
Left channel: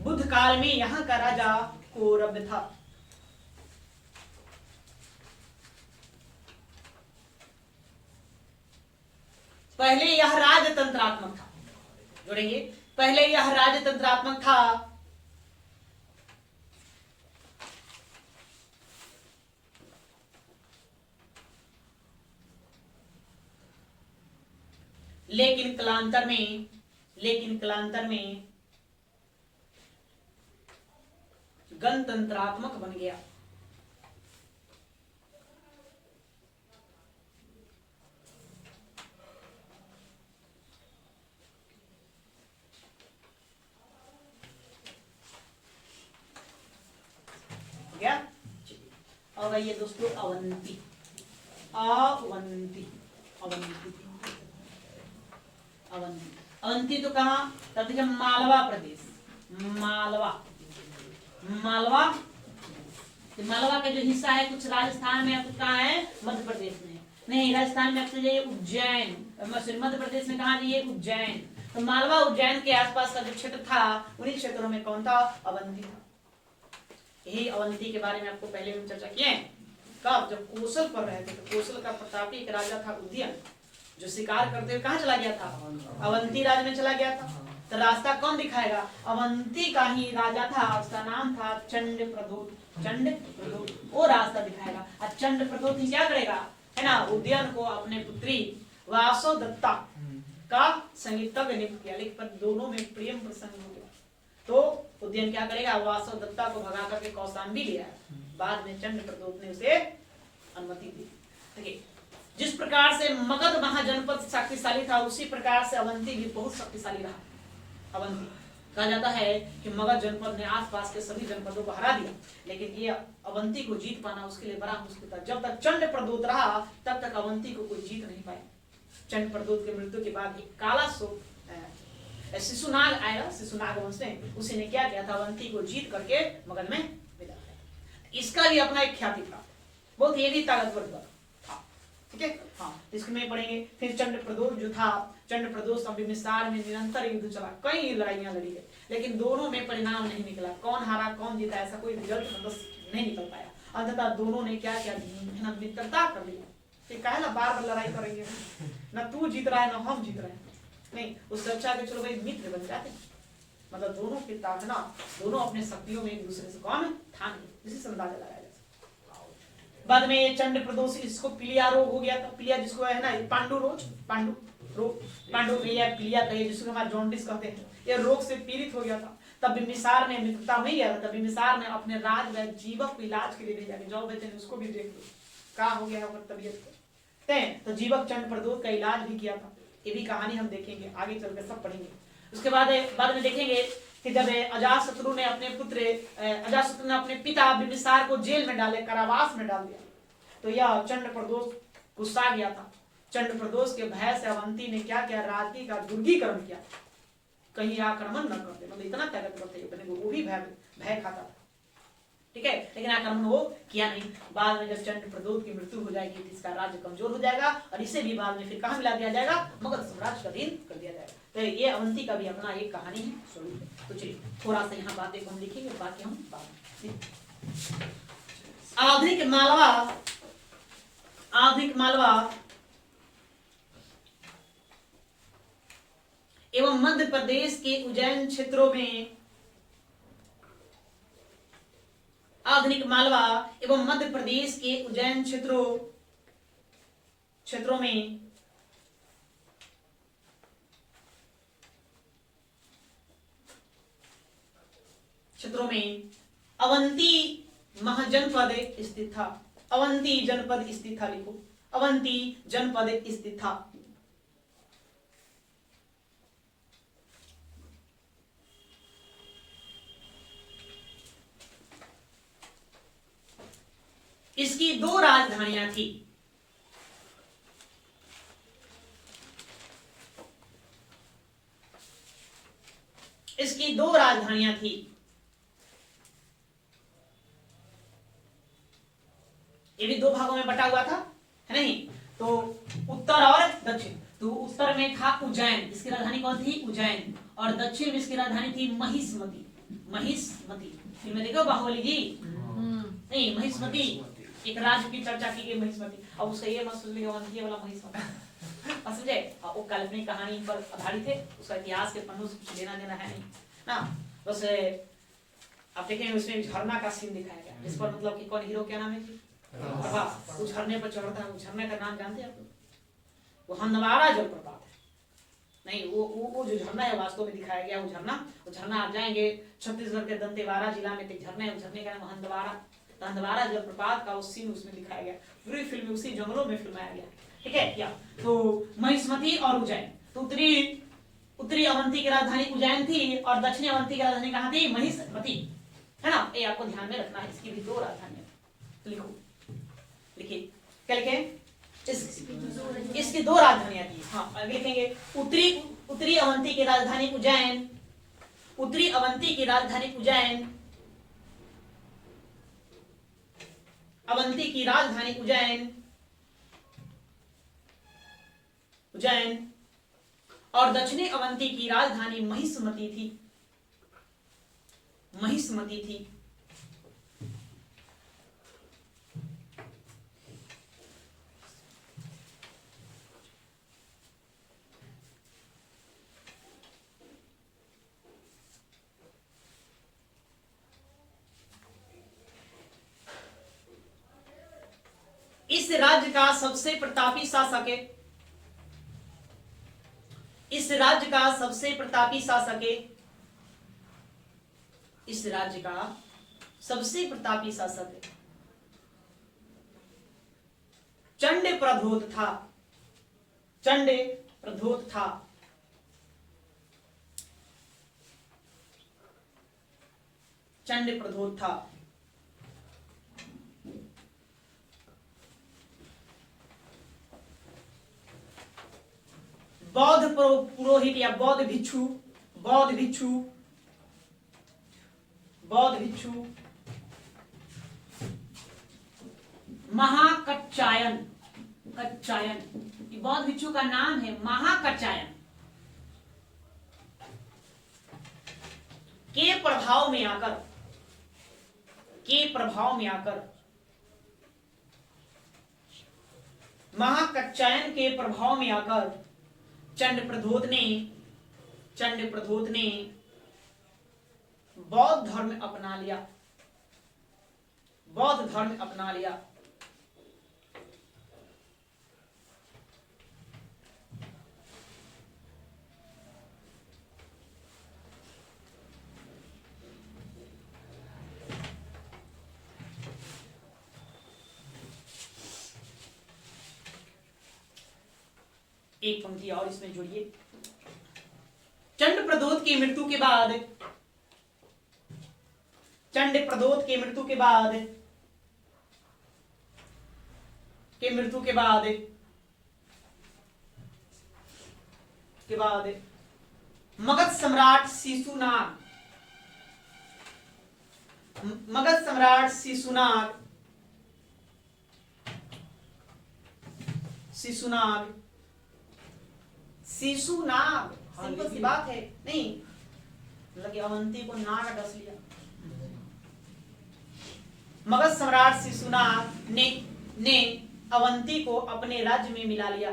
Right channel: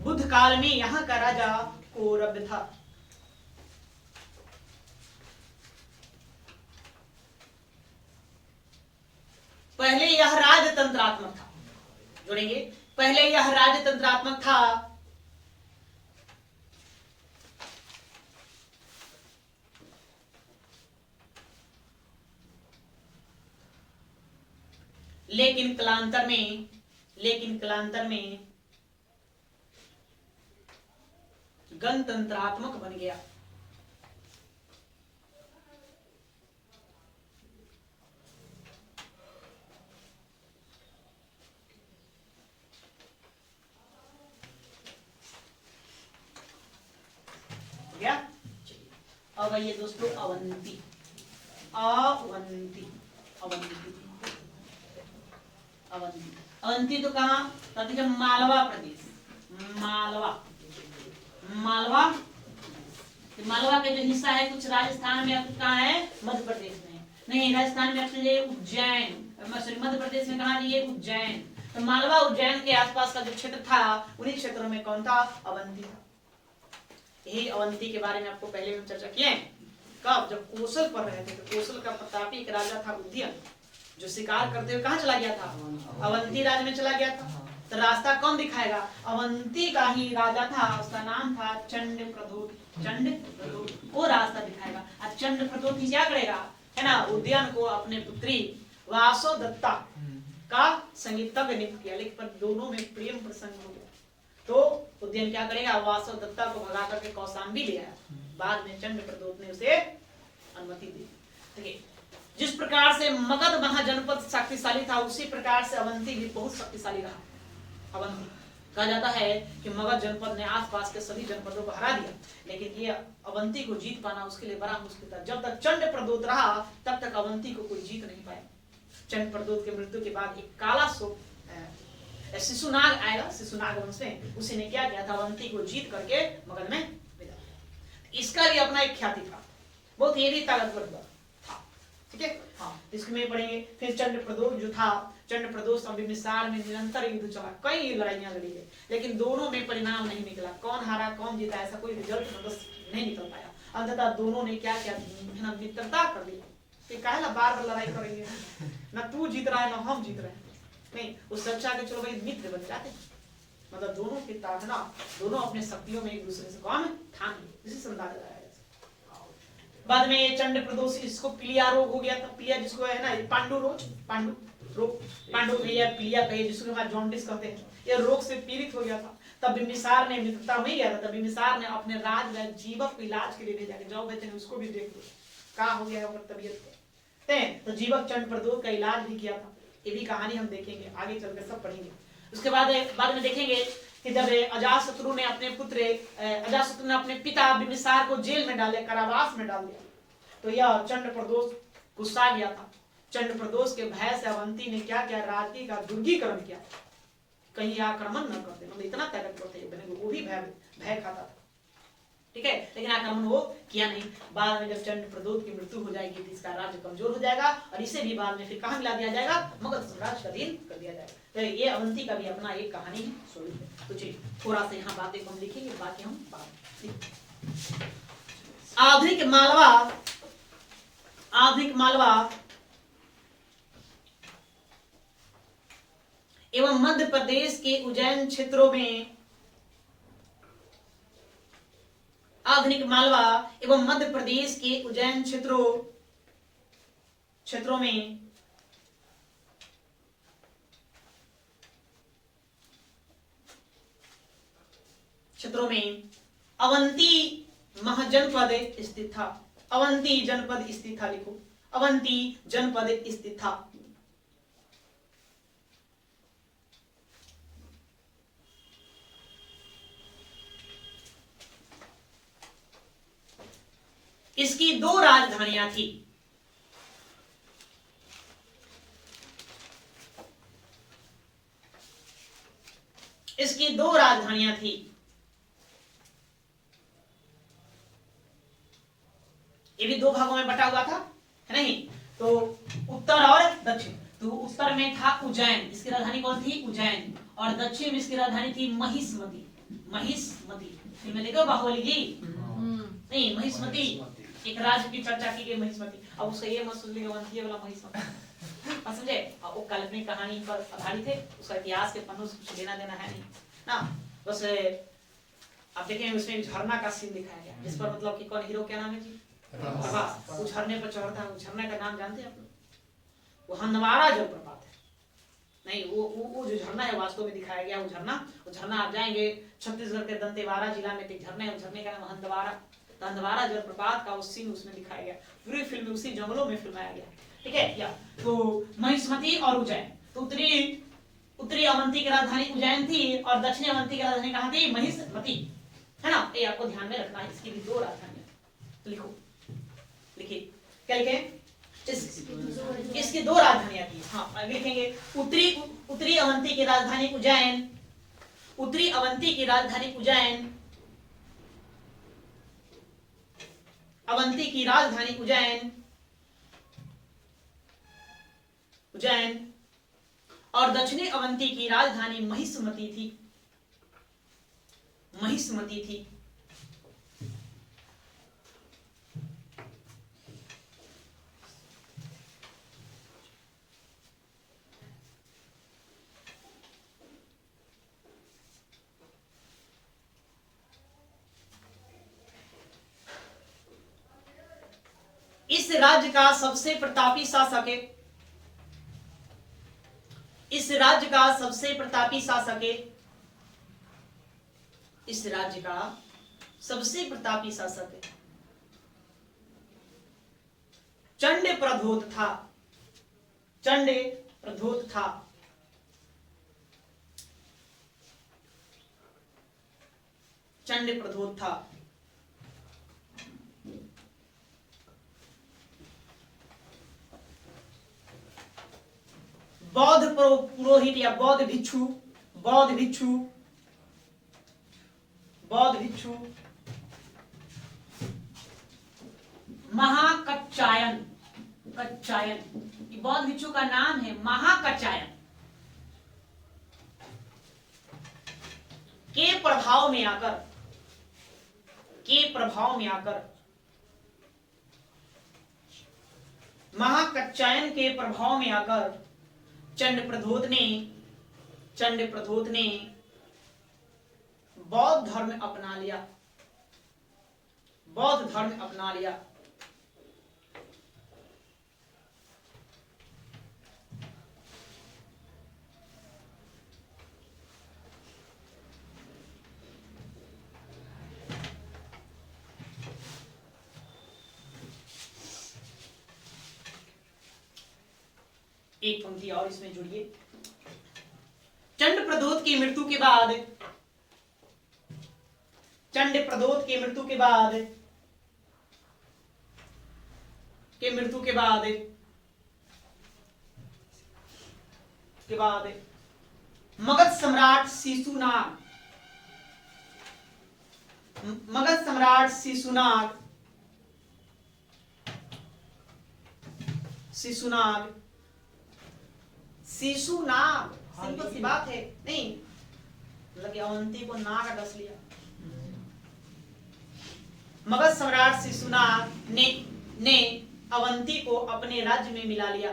बुद्ध काल में यहाँ का राजा कौरव था। पहले यह राजतंत्रात्मक था। जोड़ेंगे, पहले यह राजतंत्रात्मक था, लेकिन कालांतर में गणतंत्रात्मक बन गया। गया। अब आइए दोस्तों अवंती तो कहा कहते हैं? मालवा प्रदेश। मालवा का जो हिस्सा है कुछ राजस्थान में, कुछ कहाँ है? मध्य प्रदेश में। नहीं, राजस्थान में उज्जैन, मध्य प्रदेश में कहा जी? उज्जैन। तो मालवा उज्जैन के आसपास का जो क्षेत्र था, उन्हीं क्षेत्रों में कौन था? अवंती था। यही अवंती के बारे में आपको पहले भी चर्चा किए हैं। कब? जब कौशल पर रहे थे। तो कौशल का प्रतापी एक राजा था उदयन, जो शिकार करते हुए कहाँ चला गया था? अवंती राज्य में चला गया था। तो रास्ता कौन दिखाएगा? अवंती का ही राजा था, उसका नाम था चंडप्रद्योत। वो रास्ता दिखाएगा। और चंडप्रद्योत ही क्या करेगा, है ना? उदयन को अपने पुत्री वासोदत्ता का संगीतज्ञ नियुक्त किया, लेकिन पर दोनों में प्रेम प्रसंग हो गया। तो उदयन क्या करेगा? वासोदत्ता को भगा करके कौशाम्बी ले आया। बाद में चंडप्रद्योत ने उसे अनुमति दी। देखिए, जिस प्रकार से मगध महाजनपद शक्तिशाली था, उसी प्रकार से अवंती भी बहुत शक्तिशाली रहा। अवंती कहा जाता है कि मगध जनपद ने आसपास के सभी जनपदों को हरा दिया, लेकिन ये अवंती को जीत पाना उसके लिए बड़ा मुश्किल था। जब तक चंडप्रद्योत रहा, तब तक अवंती को कोई जीत नहीं पाया। चंडप्रद्योत के मृत्यु के बाद एक काला शिशुनाग आएगा, शिशुनाग वंश में, उसी ने क्या किया था? अवंती को जीत करके मगध में विदा किया। इसका भी अपना एक ख्याति प्राप्त, बहुत ही ताकतवर था। ठीक है, हाँ, इसमें पढ़ेंगे। फिर चंडप्रद्योत जो था, चंडप्रद्योत बिम्बिसार में निरंतर युद्ध चला, कई लड़ाइयां लड़ी गई, लेकिन दोनों में परिणाम नहीं निकला। कौन हारा कौन जीता ऐसा कोई रिजल्ट नहीं निकल पाया। अंततः दोनों ने क्या किया? मित्रता कर ली। काहे बार बार लड़ाई करेंगे, न तू जीत रहा है न हम जीत रहे हैं। नहीं, उससे अच्छा कि चलो भाई मित्र बन जाते हैं। मतलब दोनों की ताकना, दोनों अपने शक्तियों में एक दूसरे से कौन ठान, इसी से अंदाजा लगाया। बाद में चंडप्रद्योत इसको पीलिया रोग हो गया था। पीलिया जिसको है ना, पांडु रोग पांडु या पीलिया कहिए जिसको हम जॉन्डिस कहते हैं, यह रोग से पीड़ित हो गया था। तब बिंबिसार ने मित्रता हो गया था, तब बिंबिसार ने अपने राज जीवक को इलाज के लिए भेजा कि जाओ बेटे उसको भी देख लो क्या हो गया है तबीयत के। तो जीवक चंड प्रदोष का इलाज भी किया था। ये भी कहानी हम देखेंगे आगे चलकर, सब पढ़ेंगे। उसके बाद में देखेंगे कि जब अजातशत्रु ने अपने अपने पिता बिंबिसार को जेल में डाले, कारावास में डाल दिया, तो यह चंड प्रदोष गुस्सा गया था। चंड प्रदोष के भय से अवंती ने क्या किया, राजगी का दुर्गीकरण किया, कहीं आक्रमण न कर दे, मतलब इतना ताकतवर थे, वो भी भय खाता था, ठीक है, लेकिन आक्रमण वो किया नहीं। बाद में जब चंड प्रदोष की मृत्यु हो जाएगी तो इसका राज्य कमजोर हो जाएगा और इसे भी बाद में फिर कहां मिला दिया जाएगा, मगध साम्राज्य का अधीन कर दिया जाएगा। तो ये अवंती का भी अपना एक कहानी है, स्वरूप है। तो चलिए थोड़ा सा यहाँ बातें को हम लिखेंगे, बाकी हम आधुनिक मालवा एवं मध्य प्रदेश के उज्जैन क्षेत्रों में, आधुनिक मालवा एवं मध्य प्रदेश के उज्जैन क्षेत्रों में अवंती महाजनपद स्थित था। अवंती जनपद स्थित था, लिखो अवंती जनपद स्थित था। इसकी दो राजधानियां थी। इसकी दो राजधानियां थी। ये भी दो भागों में बटा हुआ था, है नहीं? तो उत्तर और दक्षिण। तो उत्तर में था उज्जैन, इसकी राजधानी कौन थी? उज्जैन। और दक्षिण में इसकी राजधानी थी महिष्मती। महिष्मती फिल्म देखो बाहुबली जी? नहीं, महिष्मती एक राज्य की चर्चा की गई, महिष्मती। अब उसका ये मत सोच लीजिए वाला महिष्मती, समझे? वो काल्पनिक कहानी पर आधारित है, उसका इतिहास के पन्नों से कुछ लेना देना है नहीं ना। बस आप देखें उसमें झरना का सीन दिखाया गया, इस पर मतलब कि कौन हीरो, क्या नाम है जी? प्रभास। वो झरने पर चढ़ता है, झरने का नाम जानते हैं आप लोग? वो हंदवाड़ा जलप्रपात है। नहीं, वो जो झरना है वास्तव में दिखाया गया, वो झरना आप जाएंगे छत्तीसगढ़ के दंतेवाड़ा जिला में एक झरना है, झरने का नाम हंदवाड़ा। हंदवाड़ा जलप्रपात का उस सीन उसमें दिखाया गया, पूरी फिल्म उसी जंगलों में फिल्माया गया, ठीक है। या तो महिष्मती और उज्जैन, तो उत्तरी अवंती की राजधानी उज्जैन थी और दक्षिणी अवंती की राजधानी कहाँ थी? महिष्मती, है ना? ये आपको ध्यान में रखना है, इसकी भी दो राजधानियां। तो लिखो, लिखिए, क्या लिखें? इसकी दो राजधानियां थी। हाँ, आगे लिखेंगे उत्तरी अवंती की राजधानी उज्जैन, उत्तरी अवंती की राजधानी उज्जैन, अवंती की राजधानी उज्जैन और दक्षिणी अवंती की राजधानी महिष्मती थी। इस राज्य का सबसे प्रतापी शासक है, इस राज्य का सबसे प्रतापी शासक है, इस राज्य का सबसे प्रतापी शासक है चंड प्रधोत था। चंड प्रधोत था। चंड प्रधोत था। बौद्ध पुरोहित या बौद्ध भिक्षु महाकच्चायन, बौद्ध भिक्षु का नाम है महाकच्चायन, के प्रभाव में आकर महाकच्चायन के प्रभाव में आकर चंड प्रधोत ने बौद्ध धर्म अपना लिया। एक पंक्ति और इसमें जुड़िए। चंड प्रदोत की मृत्यु के बाद, चंड प्रदोत की मृत्यु के बाद, मगध सम्राट शिशुनाग, मगध सम्राट शिशुनाग सिंपल सी बात है, नहीं मतलब कि अवंती को ना का डस लिया। मगध सम्राट शिशुनाग ने अवंती को अपने राज्य में मिला लिया,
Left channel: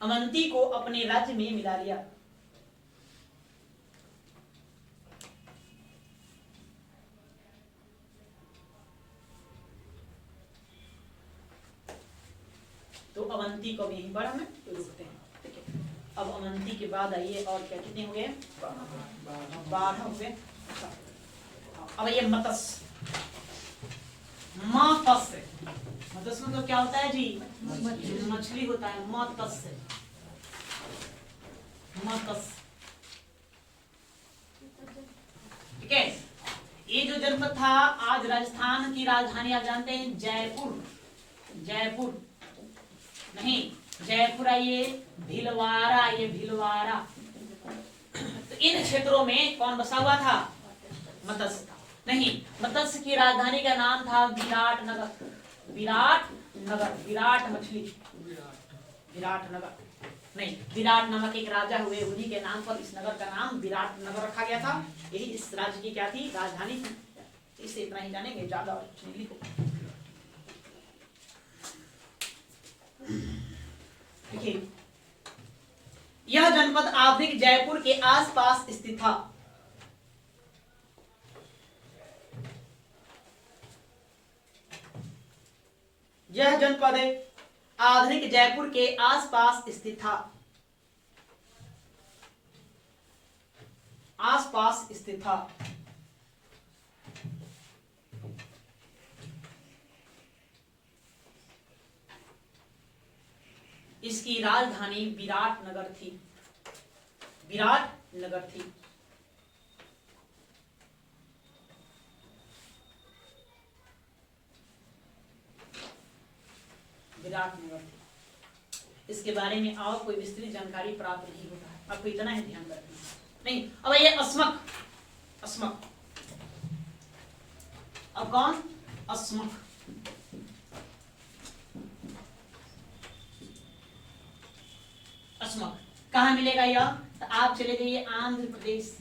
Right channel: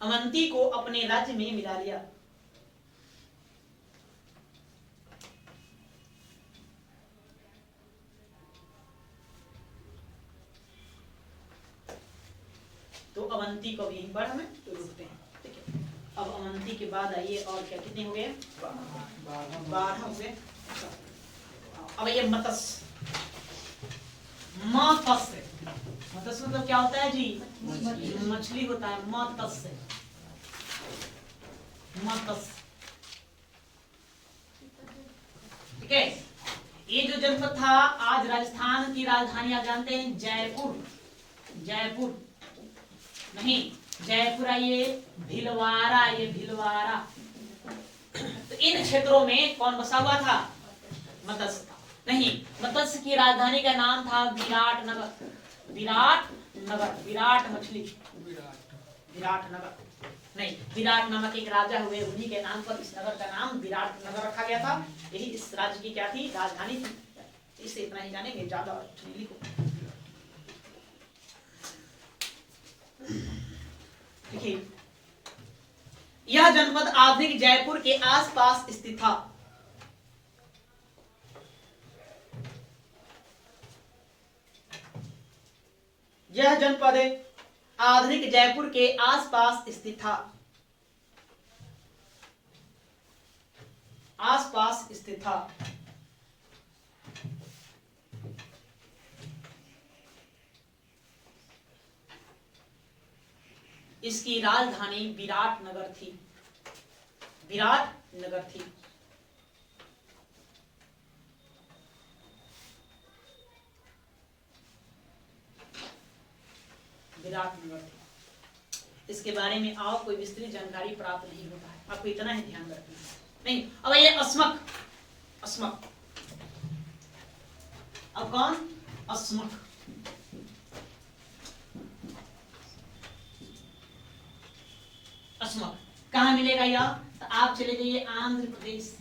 अवंती को अपने राज्य में मिला लिया। तो अवंती को यहीं पर हमें रुकते हैं, ठीक है। अब अवंती के बाद आइए और क्या, कितने हो गए? 12 हो गए। अब ये मत्स्य, मत्स्य मतलब क्या होता है जी? मछली होता है, मत्स्य। ठीक है। ये जो जनपद था, आज राजस्थान की राजधानी आप जानते हैं जयपुर, जयपुर नहीं, जयपुर ये भीलवाड़ा, ये भीलवाड़ा। तो इन क्षेत्रों में कौन बसा हुआ था? मत्स्य था। नहीं, मत्स्य की राजधानी का नाम था विराटनगर, विराटनगर, विराट मछली, विराटनगर नहीं, विराट नामक एक राजा हुए, उन्हीं के नाम पर इस नगर का नाम विराटनगर रखा गया था। यही इस राज्य की क्या थी? राजधानी थी। इससे इतना ही जानेंगे, ज्यादा और लिखो। देखिए, यह जनपद आधुनिक जयपुर के आसपास स्थित था। यह जनपद आधुनिक जयपुर के आसपास स्थित था, आसपास स्थित था। इसकी राजधानी विराटनगर थी, विराटनगर थी। विराटनगर थी। इसके बारे में और कोई विस्तृत जानकारी प्राप्त नहीं होता है, आपको इतना ही ध्यान रखना है। नहीं, अब ये अस्मक, अस्मक, अब कौन? अस्मक। अस्मक कहाँ मिलेगा यह? तो आप चले जाइए आंध्र प्रदेश,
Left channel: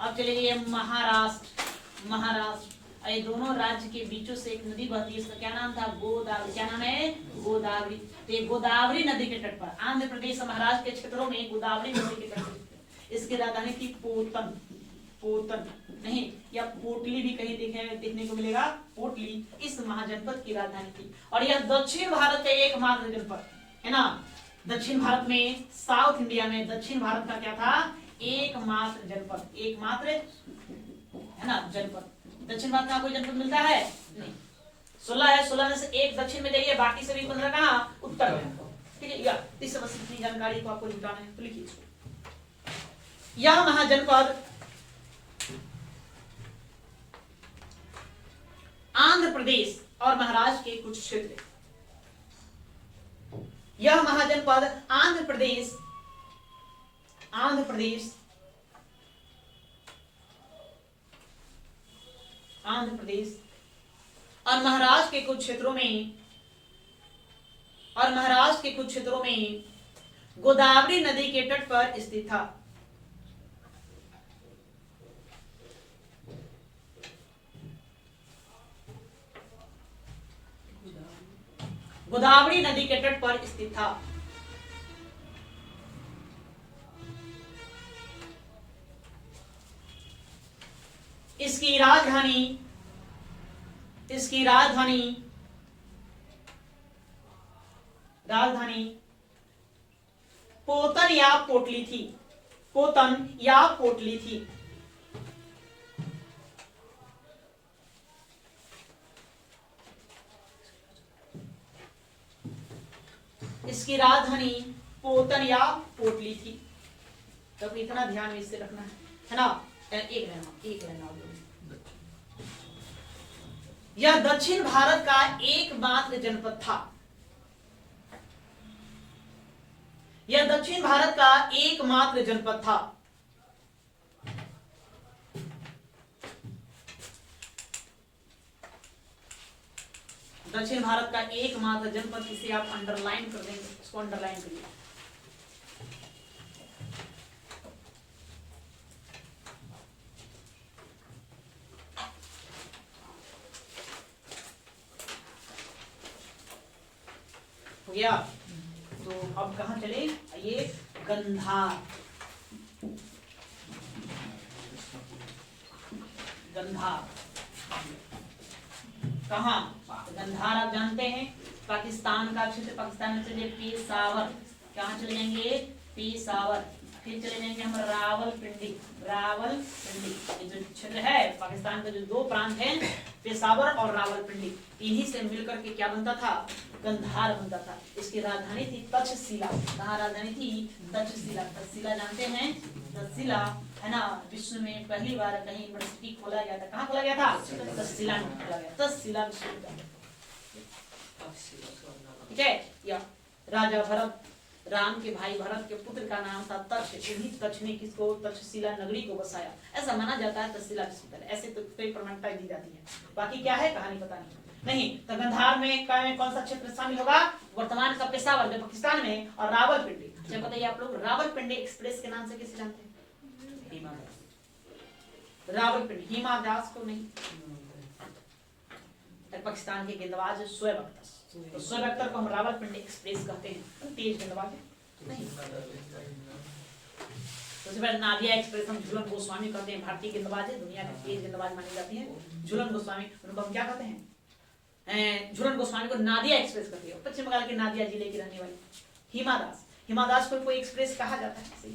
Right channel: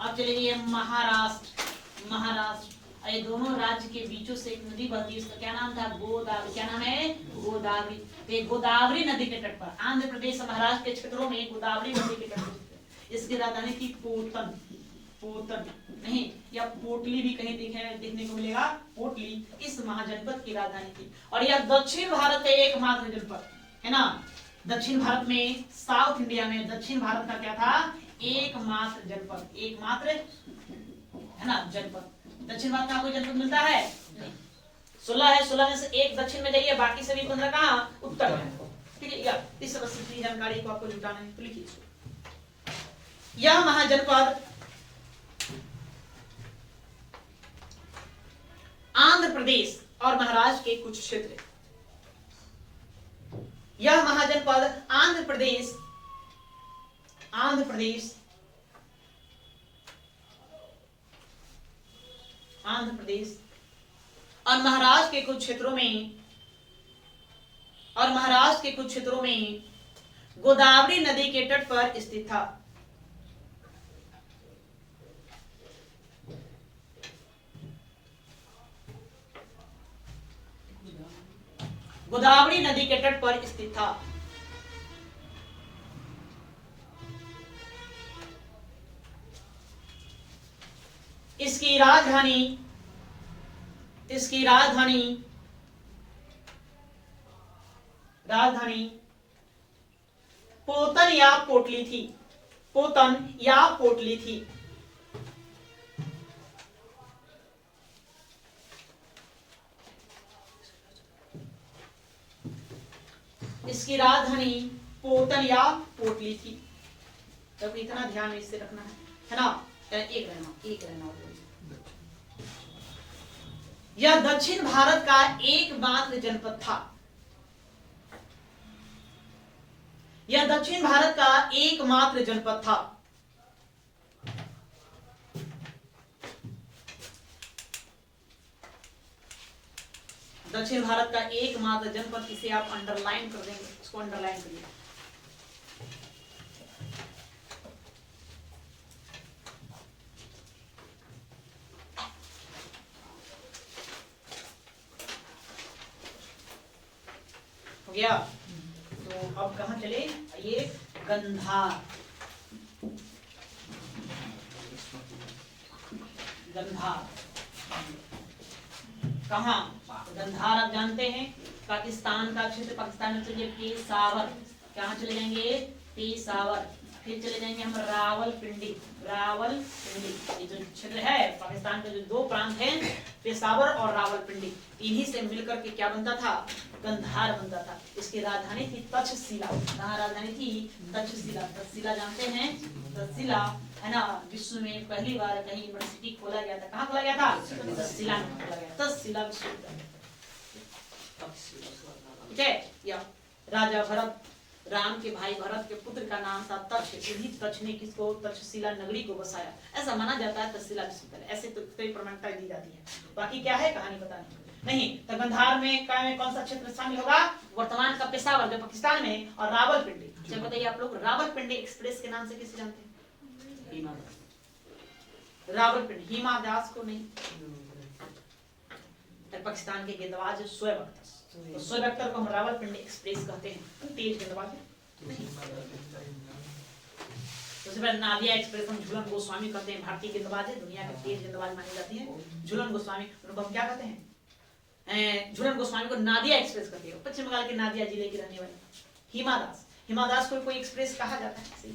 आप चले जाइए महाराष्ट्र, महाराष्ट्र। ये दोनों राज्य के बीचों से एक नदी बहती है, उसका क्या नाम था? गोदावरी। क्या नाम है? गोदावरी। तो गोदावरी नदी के तट पर आंध्र प्रदेश और महाराष्ट्र के क्षेत्रों में गोदावरी नदी के तट पर इसकी राजधानी थी पोतन, पोतन नहीं, या पोटली भी कहीं देखने को मिलेगा, पोटली इस महाजनपद की राजधानी थी। और यह दक्षिण भारत का एकमात्र जनपद है ना, दक्षिण भारत में, साउथ इंडिया में दक्षिण भारत का क्या था? एकमात्र जनपद, एकमात्र है ना जनपद। दक्षिण भारत में कोई जनपद मिलता है? नहीं। 16 है, 16 में से एक दक्षिण में जाइए, बाकी सभी 15 कहाँ? उत्तर में। ठीक है, या इस तरह जानकारी को आपको जुटाना है तो लिखिए इसको। यह महाजनपद आंध्र प्रदेश और महाराष्ट्र के कुछ क्षेत्र, यह महाजनपद आंध्र प्रदेश, आंध्र प्रदेश, आंध्र प्रदेश और महाराष्ट्र के कुछ क्षेत्रों में, और महाराष्ट्र के कुछ क्षेत्रों में गोदावरी नदी के तट पर स्थित था। गोदावरी नदी के तट पर स्थित था। इसकी राजधानी, इसकी राजधानी, राजधानी पोतन या पोटली थी, पोतन या पोटली थी। इसकी राजधानी पोतन या पोटली थी। तो इतना ध्यान इससे रखना है ना। एक रहना यह दक्षिण भारत का एकमात्र जनपद था। यह दक्षिण भारत का एकमात्र जनपद था। दक्षिण भारत का एकमात्र जनपद, इसे आप अंडरलाइन कर देंगे, इसको अंडरलाइन करिए। हो गया। तो अब कहां चले, ये गंधार। गंधार कहां, गंधार आप जानते हैं पाकिस्तान का क्षेत्र। पाकिस्तान में चले पेशावर, कहां चले जाएंगे, पेशावर। फिर चले जाएंगे हम रावलपिंडी। रावलपिंडी ये जो क्षेत्र है पाकिस्तान के, जो दो प्रांत हैं पेशावर और रावलपिंडी, इन्हीं से मिलकर के क्या बनता था, गंधार बनता था। इसकी राजधानी थी तक्षशिला। कहाँ राजधानी थी, तक्षशिला। तक्षशिला जानते हैं, तक्षशिला है ना, विश्व में पहली बार कहीं यूनिवर्सिटी खोला गया था। कहाँ खोला गया था, तक्षशिला में खोला गया, तक्षशिला विश्वविद्यालय। ठीक है। या राजा भरत, राम के भाई भरत के पुत्र का नाम था तक्ष। इन्हीं तक्ष ने किसको, तक्षशिला नगरी को बसाया, ऐसा माना जाता है। तक्षशिला विश्वविद्यालय ऐसे तो कई प्रमाणिकता दी जाती है, बाकी क्या है कहानी पता नहीं। तो गंधार में कौन सा क्षेत्र शामिल होगा, वर्तमान का पेशावर जो पाकिस्तान में, और रावलपिंडी। अच्छा बताइए आप लोग, रावलपिंडी एक्सप्रेस के नाम से किसे जानते हैं, रावलपिंडी, हिमा दास को नहीं। पाकिस्तान के गेंदबाज शोएब अख्तर, तो शोएब अख्तर को हम रावलपिंडी एक्सप्रेस कहते हैं। तेज गेंदबाज नहीं। सबसे पहले नादिया एक्सप्रेस हम झूलन गोस्वामी कहते हैं, भारतीय गेंदबाज है, दुनिया के तेज गेंदबाज मानी जाती है झूलन गोस्वामी। उनको हम क्या कहते हैं, झूलन गोस्वामी को नादिया एक्सप्रेस कहते हैं। पश्चिम बंगाल के नादिया जिले की रहने वाली हिमा दास। हिमा दास को कोई एक्सप्रेस कहा जाता है, सही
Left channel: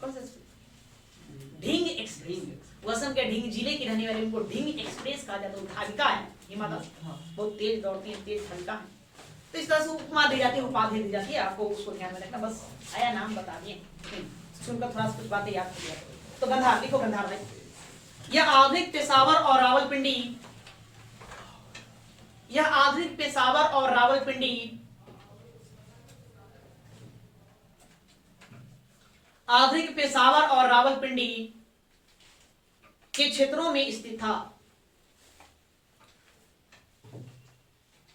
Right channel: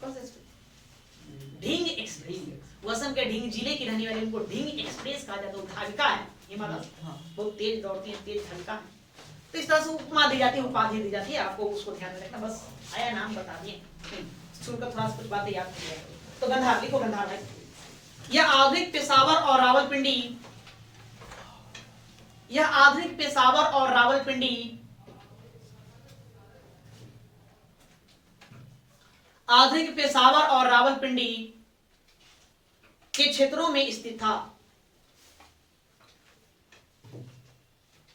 कौन सा एक्सप्रेस, ढींग एक्सप्रेस। असम के ढींग जिले की रहने वाली, उनको ढींग एक्सप्रेस कहा जाता है। धाविका है हिमा दास, बहुत तेज दौड़ती है, तेज धाविका है। तो इस तरह से उपमा दी जाती है, उपाधि दी जाती है, आपको उसको ध्यान में रखना। बस आया नाम बता दिए, सुनकर थोड़ा सा कुछ बातें याद कर लिया। तो गंधार लिखो, गंधार भाई। यह आधुनिक पेशावर और रावलपिंडी, यह आधुनिक पेशावर और रावलपिंडी, आधुनिक पेशावर और रावलपिंडी के क्षेत्रों में स्थित था,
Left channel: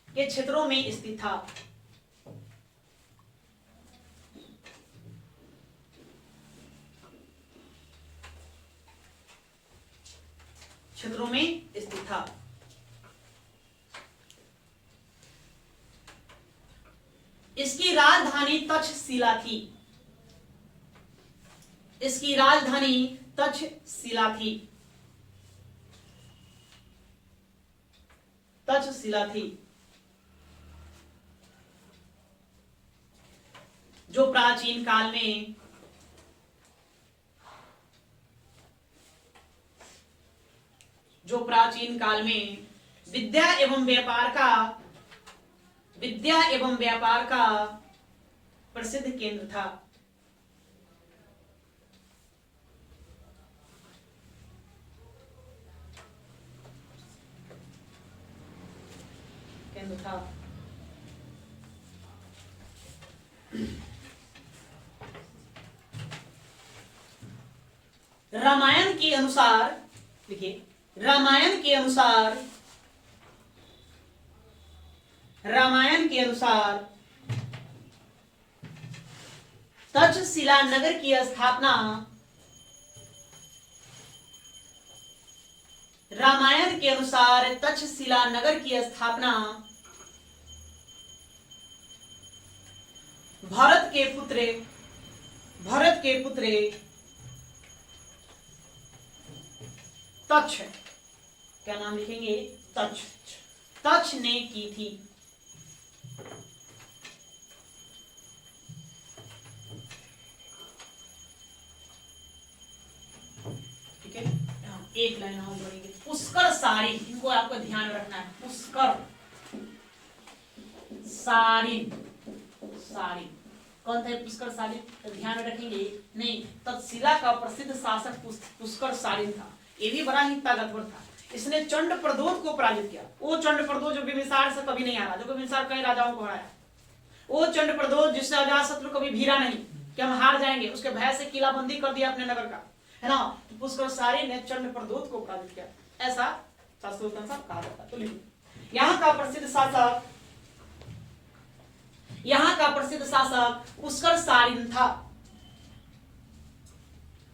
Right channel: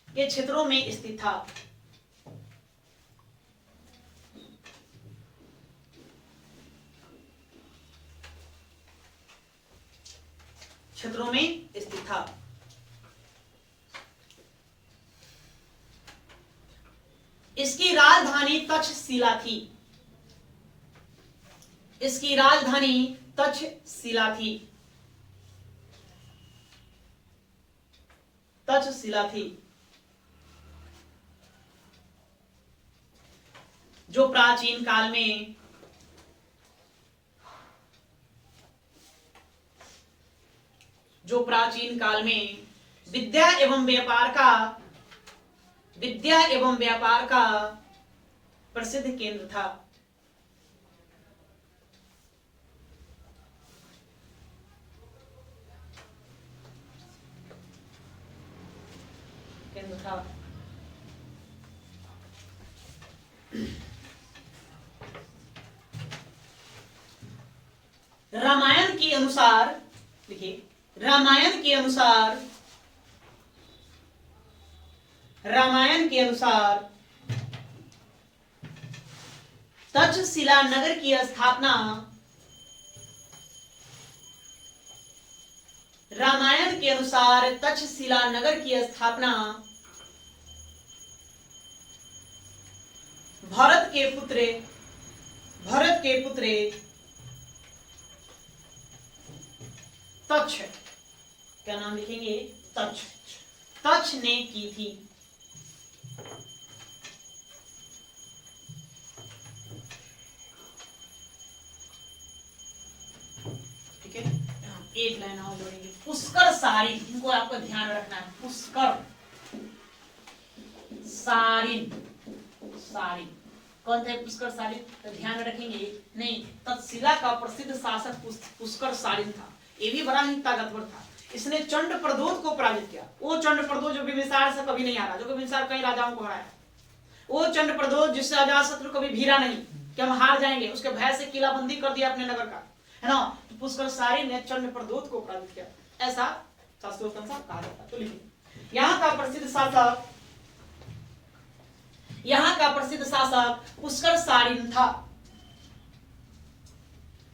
के क्षेत्रों में स्थित था। क्षेत्रों में स्थित था। इसकी राजधानी तक्षशिला थी। इसकी राजधानी तक्षशिला थी। तक्षशिला थी, जो प्राचीन काल में विद्या एवं व्यापार का प्रसिद्ध केंद्र था। रामायण के अनुसार, देखिए रामायण के अनुसार तक्षशिला नगर की स्थापना, रामायण के अनुसार तक्षशिला नगर की स्थापना भरत के पुत्र तक्ष, क्या नाम लिखेंगे, तक्ष ने की थी। ठीक है, एक लाइन और जोड़ेंगे, पुष्कर सारिन, इनको आपको ध्यान रखना है। पुष्कर सारिन, कौन थे पुष्कर सालिन? तो ध्यान रखेंगे नहीं, तक्षशिला का प्रसिद्ध शासक पुष्कर सालिन था। ये भी बड़ा ही ताकतवर था। इसने चंड प्रदोष को पराजित किया। वो चंड प्रदोष जो बिंबिसार से कभी नहीं आ रहा, जो बिंबिसार कई राजाओं को हराया, वो चंड प्रदोष जिससे अजातशत्रु कभी भीरा नहीं कि हम हार जाएंगे, उसके भय से किलाबंदी कर दिया अपने नगर का, है ना। तो पुष्कर सालिन ने चंड प्रदोष को पराजित किया, ऐसा शास्त्रों के अनुसार कहा जाता है। तो लिखो, यहाँ का प्रसिद्ध शासक, यहाँ का प्रसिद्ध शासक पुष्कर सालिन था।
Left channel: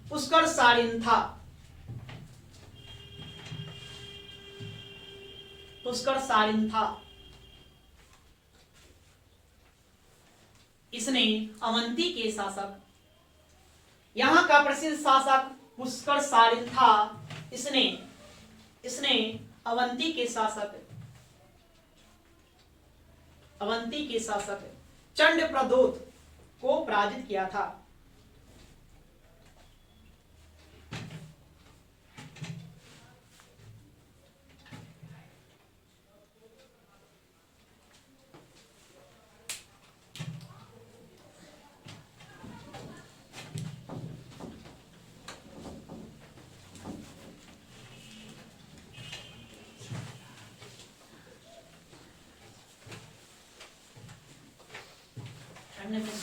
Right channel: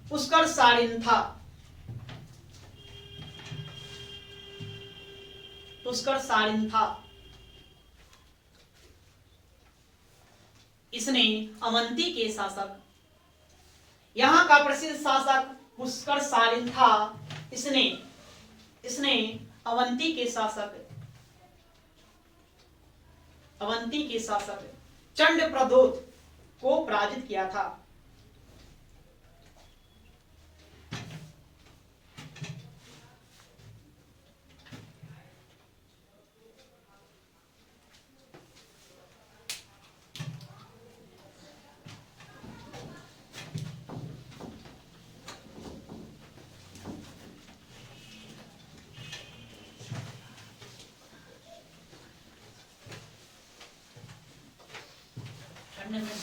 पुष्कर सालिन था। पुष्कर सालिन था। इसने अवंती के शासक, यहां का प्रसिद्ध शासक पुष्कर सालिन था। इसने अवंती के शासक, अवंती के शासक चंड प्रदोष को पराजित किया था।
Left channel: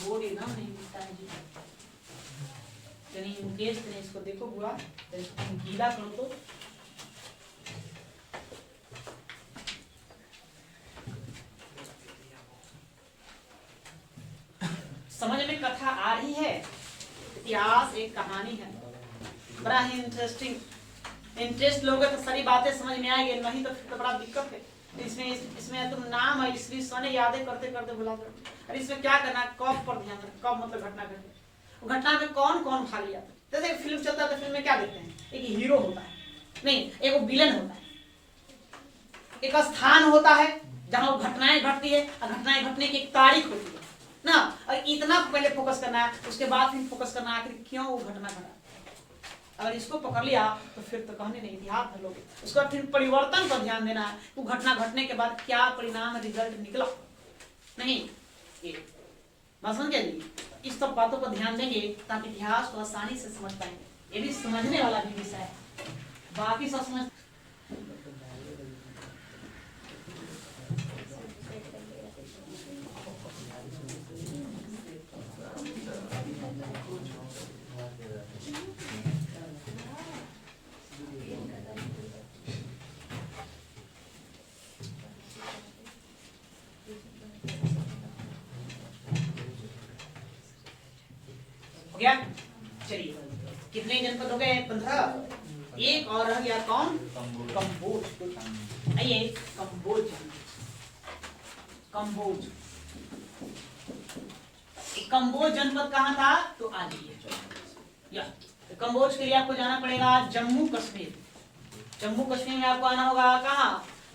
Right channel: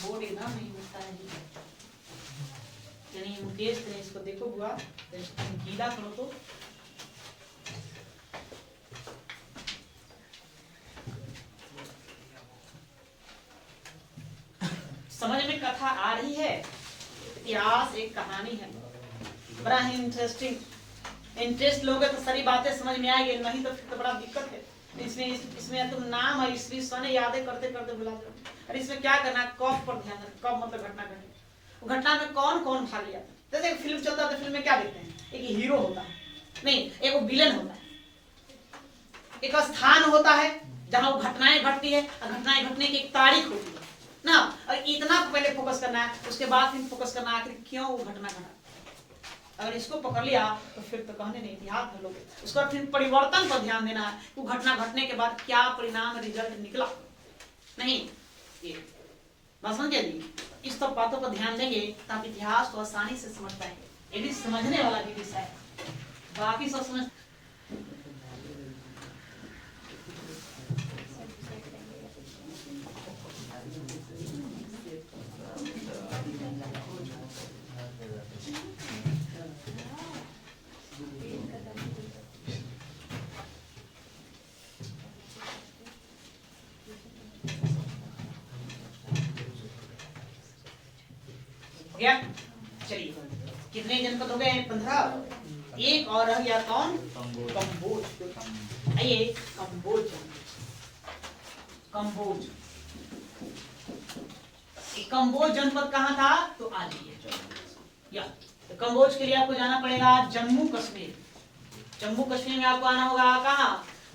बोर्ड एकदम नहीं मिलता है यानी मुकेश ने इसको देखो हुआ तो इसको गीला करो तो समझ में कथा आ रही है। इतिहास एक कहानी है, बड़ा ही इंटरेस्ट लोगे तो सारी बातें समझ में आएगी, नहीं तो फिर तो बड़ा दिक्कत है। इसमें तुम नाम है ईस्वी सन यादें करते करते भुला जाओ। अरे इसमें क्या करना, कब पर ध्यान रखना, कब मतलब घटना घटी, वो घटना में कौन कौन भाग लिया था। जैसे फिल्म चलता है तो फिल्म में क्या देखते हैं, एक हीरो होता है, नहीं एक वो विलन होता है, एक स्थान होता है जहां वो घटनाएं घटती है और घटनाएं घटने की एक तारीख होती है ना, और इतना पहले फोकस करना है, उसके बाद फिर फोकस करना है आखिर क्यों वो घटना घटा। अगर इसको पकड़ लिया तो फिर तो कहने नहीं, इतिहास भर लोगे। उसके बाद फिर परिवर्तन पर ध्यान देना है, वो घटना घटने के बाद क्या परिणाम रिजल्ट निकला, नहीं ये बात समझ गए जी। इस सब बातों पर ध्यान देंगे ताकि इतिहास को आसानी से समझ पाएंगे। ये भी समझने वाला भी विषय है, बाकी सब समझ। गया, चलिए कितने जनपद हो गए, 15। एक और रह गया कौन, कंबोज। आइए कंबोज, कंबोज, कंबोज जनपद कहाँ था, तो आ जाइए या तो कंबोज के लिए आपको जाना पड़ेगा जम्मू कश्मीर। जम्मू कश्मीर में आपको आना होगा कहाँ,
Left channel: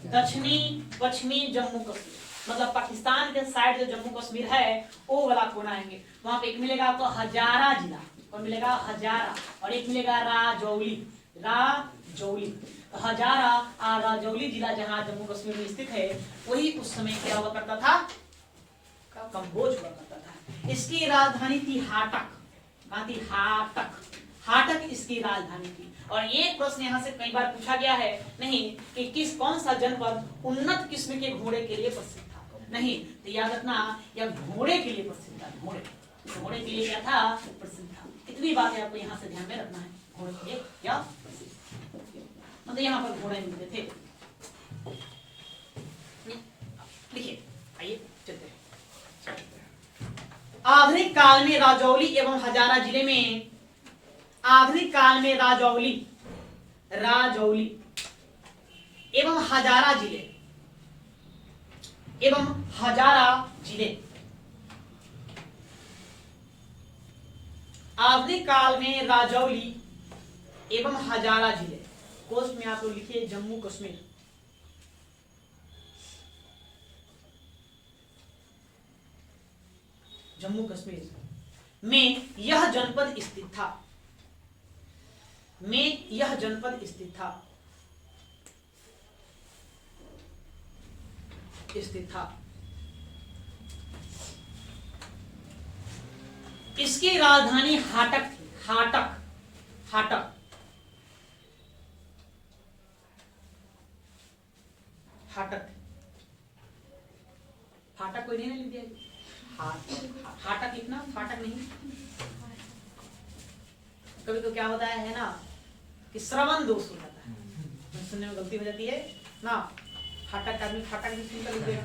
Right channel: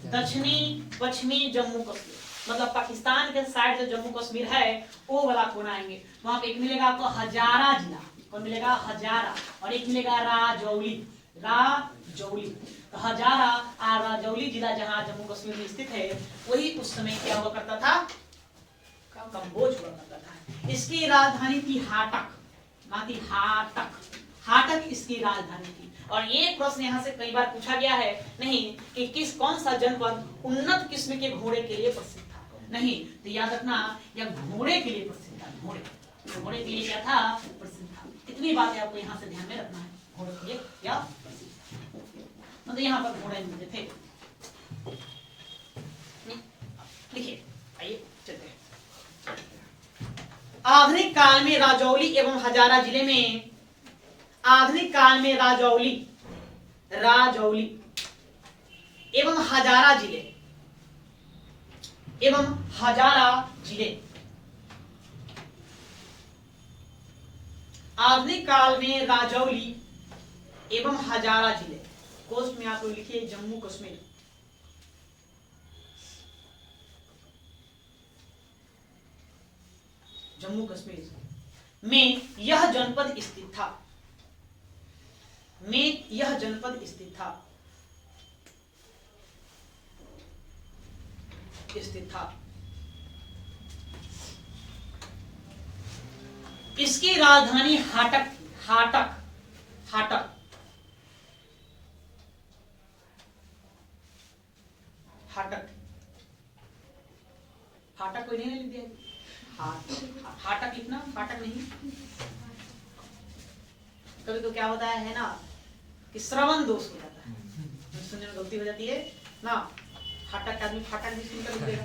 दक्षिणी पश्चिमी जम्मू कश्मीर, मतलब पाकिस्तान के साइड जो जम्मू कश्मीर है वो वाला कोना आएंगे। वहां पे एक मिलेगा आपको हजारा जिला, और मिलेगा हजारा, और एक मिलेगा राजौली। राजौली तो हजारा और राजौली जिला जहां जम्मू कश्मीर में स्थित है, वही उस समय क्या हुआ करता था, कंबोज हुआ करता था। इसकी राजधानी थी हाटक। हाटक, हाटक इसकी राजधानी थी। और ये प्रश्न यहाँ से कई बार पूछा गया है, नहीं कि कौन सा जनपद उन्नत किस्म के घोड़े के लिए प्रसिद्ध था, नहीं तो याद रखना यह घोड़े के लिए प्रसिद्ध था। घोड़े के लिए क्या था, प्रसिद्ध था। इतनी बातें आपको यहाँ से ध्यान में रखना है, घोड़े के लिए क्या प्रसिद्ध, मतलब यहाँ पर घोड़े मिलते थे। लिखिए, आइए चलते हैं। आधुनिक काल में राजौली एवं हजारा जिले में, आधुनिक काल में राजौली एवं हजारा जिले, एवं हजारा जिले, आधुनिक काल में राजौली एवं हजारा जिले, कोस्ट में आप लोग लिखिए जम्मू कश्मीर। जम्मू कश्मीर में यह जनपद स्थित था, में यह जनपद स्थित था, इसकी राजधानी हाटक थी। हाटक, हाटक, फाटक, फाटक कोई नहीं लिख दिया, हाटक लिखना, फाटक नहीं। कभी तो क्या होता है ना कि श्रवण दोष हो जाता है, सुनने में गलती हो जाती है ना। फाटक आदमी फाटक भी सुनकर लिख देगा।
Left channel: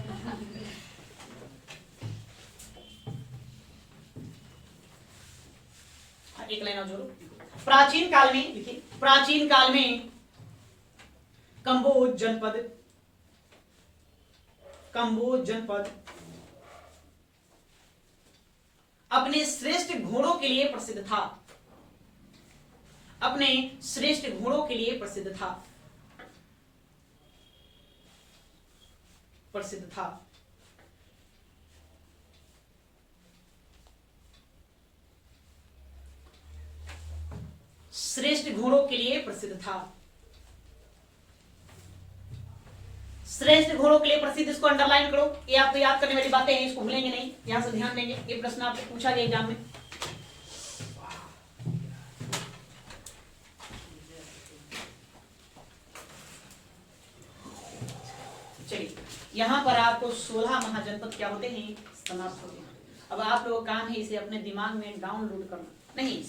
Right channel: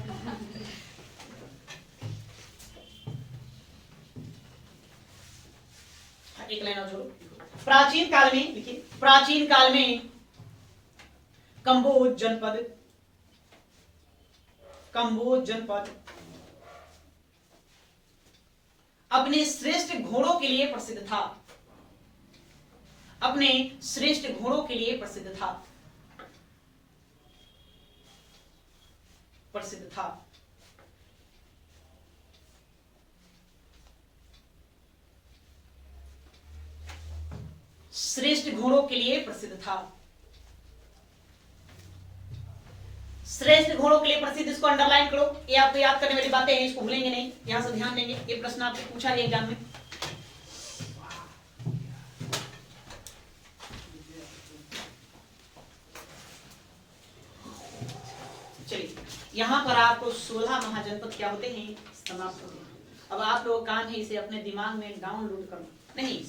एक लाइन और जोड़ो। प्राचीन काल में, देखिए प्राचीन काल में कंबोज जनपद, कंबोज जनपद अपने श्रेष्ठ घोड़ों के लिए प्रसिद्ध था। अपने श्रेष्ठ घोड़ों के लिए प्रसिद्ध था, प्रसिद्ध था। श्रेष्ठ घोड़ों के लिए प्रसिद्ध था। श्रेष्ठ घोड़ों के लिए प्रसिद्ध, इसको अंडरलाइन करो। ये आपको याद करने वाली बातें हैं, इसको भूलेंगे नहीं, यहां से ध्यान देंगे। ये प्रश्न आपको पूछा गया एग्जाम में। चलिए यहां पर आपको 16 महाजनपद क्या होते हैं, समाप्त होते हैं। अब आप लोगों का काम है इसे अपने दिमाग में डाउनलोड करना, नहीं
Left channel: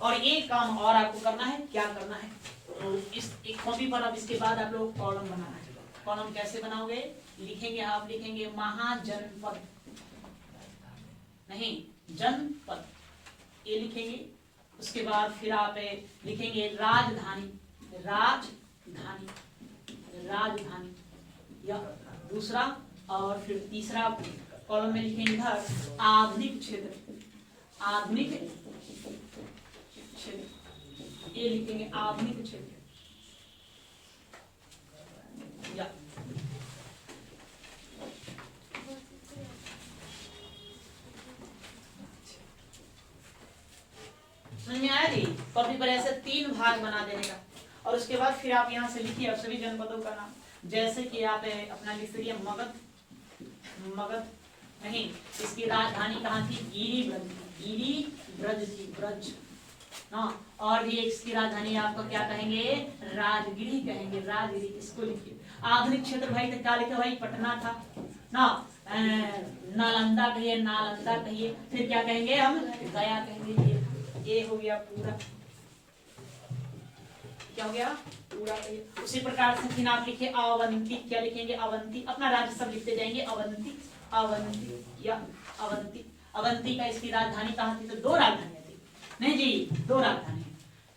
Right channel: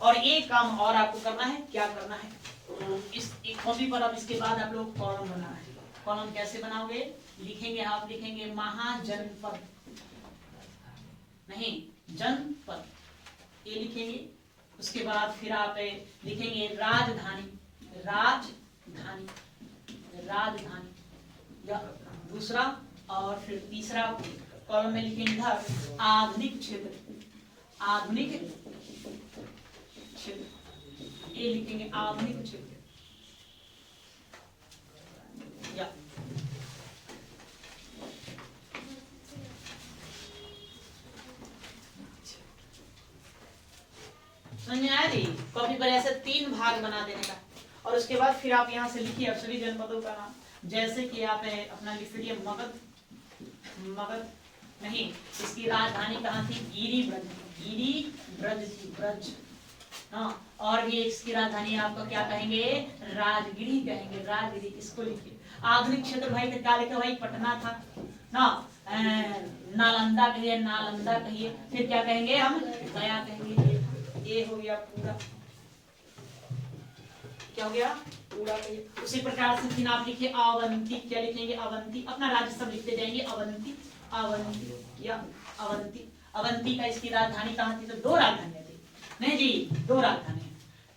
और एक काम और आपको करना है। क्या करना है, तो इस एक कॉपी पर अब इसके बाद आप लोग कॉलम बनाना है। कॉलम कैसे बनाओगे, लिखेंगे आप, लिखेंगे महाजनपद, नहीं जनपद, ये लिखेंगे। उसके बाद फिर आप लिखेंगे राजधानी, राजधानी, राजधानी या दूसरा, और फिर तीसरा कॉलम में लिखेंगे इधर आधुनिक क्षेत्र, आधुनिक क्षेत्र, ये लिखेंगे आधुनिक क्षेत्र या समझ आया थी। कॉपी पर ऐसे 3 भाग बना देने का, और उसके बाद फिर आप यहाँ से लिखिए आप सभी जनपदों का नाम। जैसे कि आप अपना लिख लीजिए मगध, मगध नहीं, इसकी राजधानी कहाँ थी, गिरिब्रज, गिरिब्रज थी, ब्रज। हाँ, और भी इसकी राजधानी आपको क्या कहेंगे, राजगिरी कहेंगे, राजगिरी। इसको लिखिए। आधुनिक क्षेत्र भाई क्या लिखे भाई, पटना था ना, नालंदा कहिए, नालंदा कहिए, फिर क्या कहेंगे हम, गया कहेंगे। ये हो गया पूरा, क्या हो गया पूरा। उसी प्रकार से फिर आप लिखिए अवंती, क्या लिखेंगे, अवंती। अपना राज्य सब लिखते जाएंगे, अवंती, अवंती या अवंती। अवंती का इसकी राजधानी कहाँ थी, तो 2 राजधानियां थी, नहीं जी 2 राजधानी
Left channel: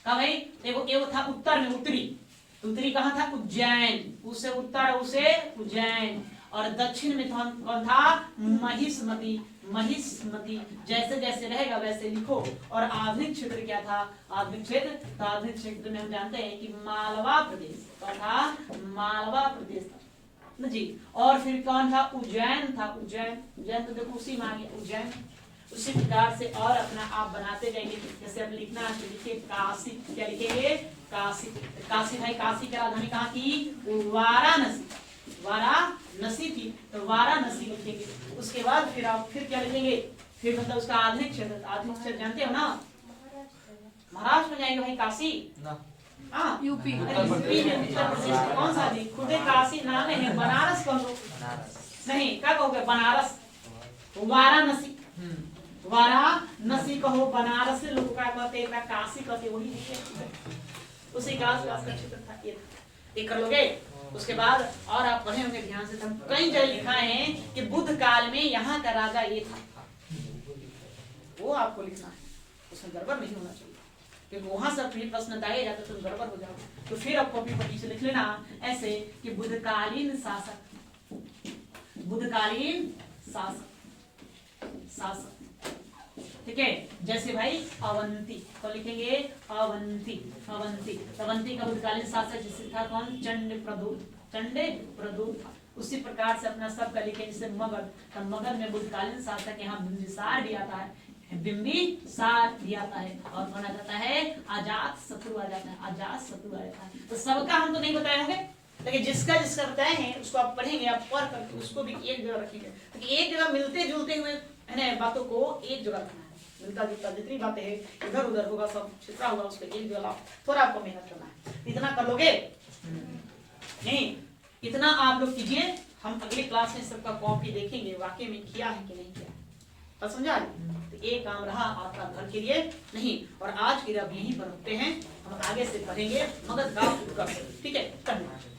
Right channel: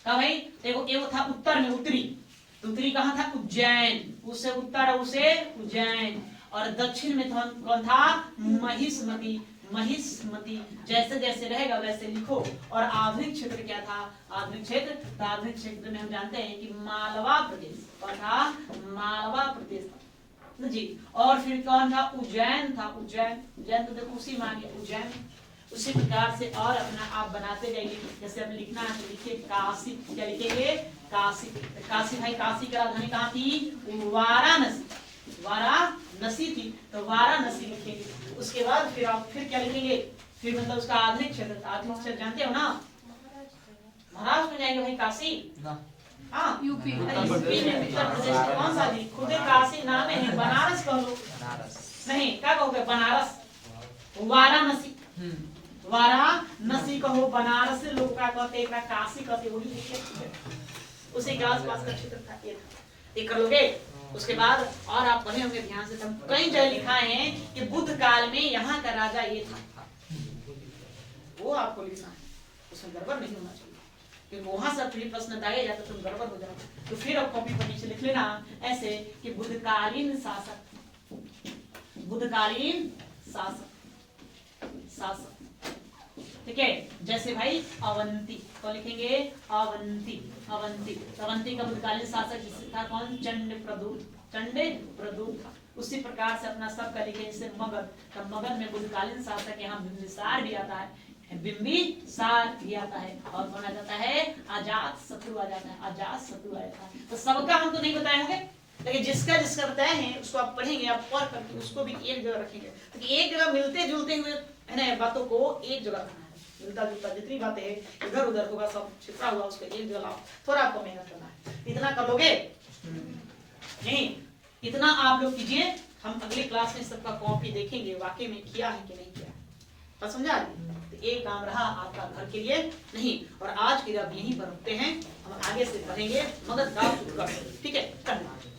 कहा भाई। देखो एक था उत्तर में, उत्तरी, उत्तरी कहाँ था, उज्जैन, उससे उत्तर उसे उज्जैन, और दक्षिण में कौन था, महिष्मती, महिष्मती। जैसे जैसे रहेगा वैसे लिखो। और आधुनिक क्षेत्र क्या था, आधुनिक क्षेत्र, तो आधुनिक क्षेत्र में हम जानते हैं कि मालवा प्रदेश, कौन था, मालवा प्रदेश जी। और फिर कौन था, उज्जैन था, उज्जैन, उज्जैन तो देखो उसी में आ गया उज्जैन। उसी प्रकार से और अपना आप बनाते जाइए। जैसे अब लिखना है तो लिखिए काशी, क्या लिखेंगे, काशी। काशी भाई, काशी की राजधानी कहाँ थी, वाराणसी, वाराणसी थी, तो वाराणसी लिखेंगे। उसके बाद फिर आप फिर क्या लिखेंगे, फिर मतलब उसका आधुनिक क्षेत्र, आधुनिक क्षेत्र जानते हो ना, महाराष्ट्र में जाएंगे भाई काशी, हाँ यूपी में, उत्तर प्रदेश कौन सा जी, खुद काशी नाम है, बनारस कह लो, नहीं क्या कहोगे, बनारस, वाराणसी, वाराणसी कहो, बनारस लोग क्या कहते हैं, काशी कहते, वही लिखिए। उसी के आसपास का क्षेत्र था, ये कर लोगे। उसके बाद और आप पढ़े होंगे ध्यान से, हम कई जगह लिखा है कि बुद्ध काल में यहाँ का राजा ये था, वो आपको लिखना है, उसमें गड़बड़ नहीं होना चाहिए, क्योंकि वहां से फिर प्रश्न दागे जाते तो गड़बड़ हो जाता। तो फिर आप कॉपी पर नीचे लिख लेना ऐसे कि बुद्धकालीन शासक, बुद्धकालीन शासक, शासक, ठीक है। जैसे भाई अवंती, तो लिखेंगे अवंती, अवंती, अवंती का बुद्धकालीन शासक जिससे था कौन, चंडप्रद्युत, चंडप्रद्युत था। उसी प्रकार से अपना सब का लिखे, जैसे मगध, तो मगध में बुद्धकालीन शासक यहाँ बिंबिसार भी आता है, बिंबिसार भी आता है, और कौन आ जाता है, अजात शत्रु आ जाता है, अजात शत्रु आ जाता है। तो सबका हम तो नहीं बताए होंगे, लेकिन जिसका जिसका बताए हैं उसको आप पढ़ेंगे, आप पढ़ कर उसको भी एक जगह रखेंगे, ताकि एक जगह मिलते जुलते हुए है ना बातों को एक जगह रखना है। मिलता जुलता जितनी बातें हैं इधर उधर होगा, सब छिपा हुआ उसको एक जगह लाओ। थोड़ा आपको मेहनत करना है। इतना कर लोगे नहीं, इतना आप लोग कीजिए। हम अगली क्लास में सबका कॉपी देखेंगे वाकई में किया है कि नहीं किया है। बस समझा? तो एक काम रहा आपका घर के लिए नहीं। और आज फिर अब यहीं पर रुकते हैं, हम आगे से पढ़ेंगे मगध का उत्कर्ष। ठीक है, धन्यवाद।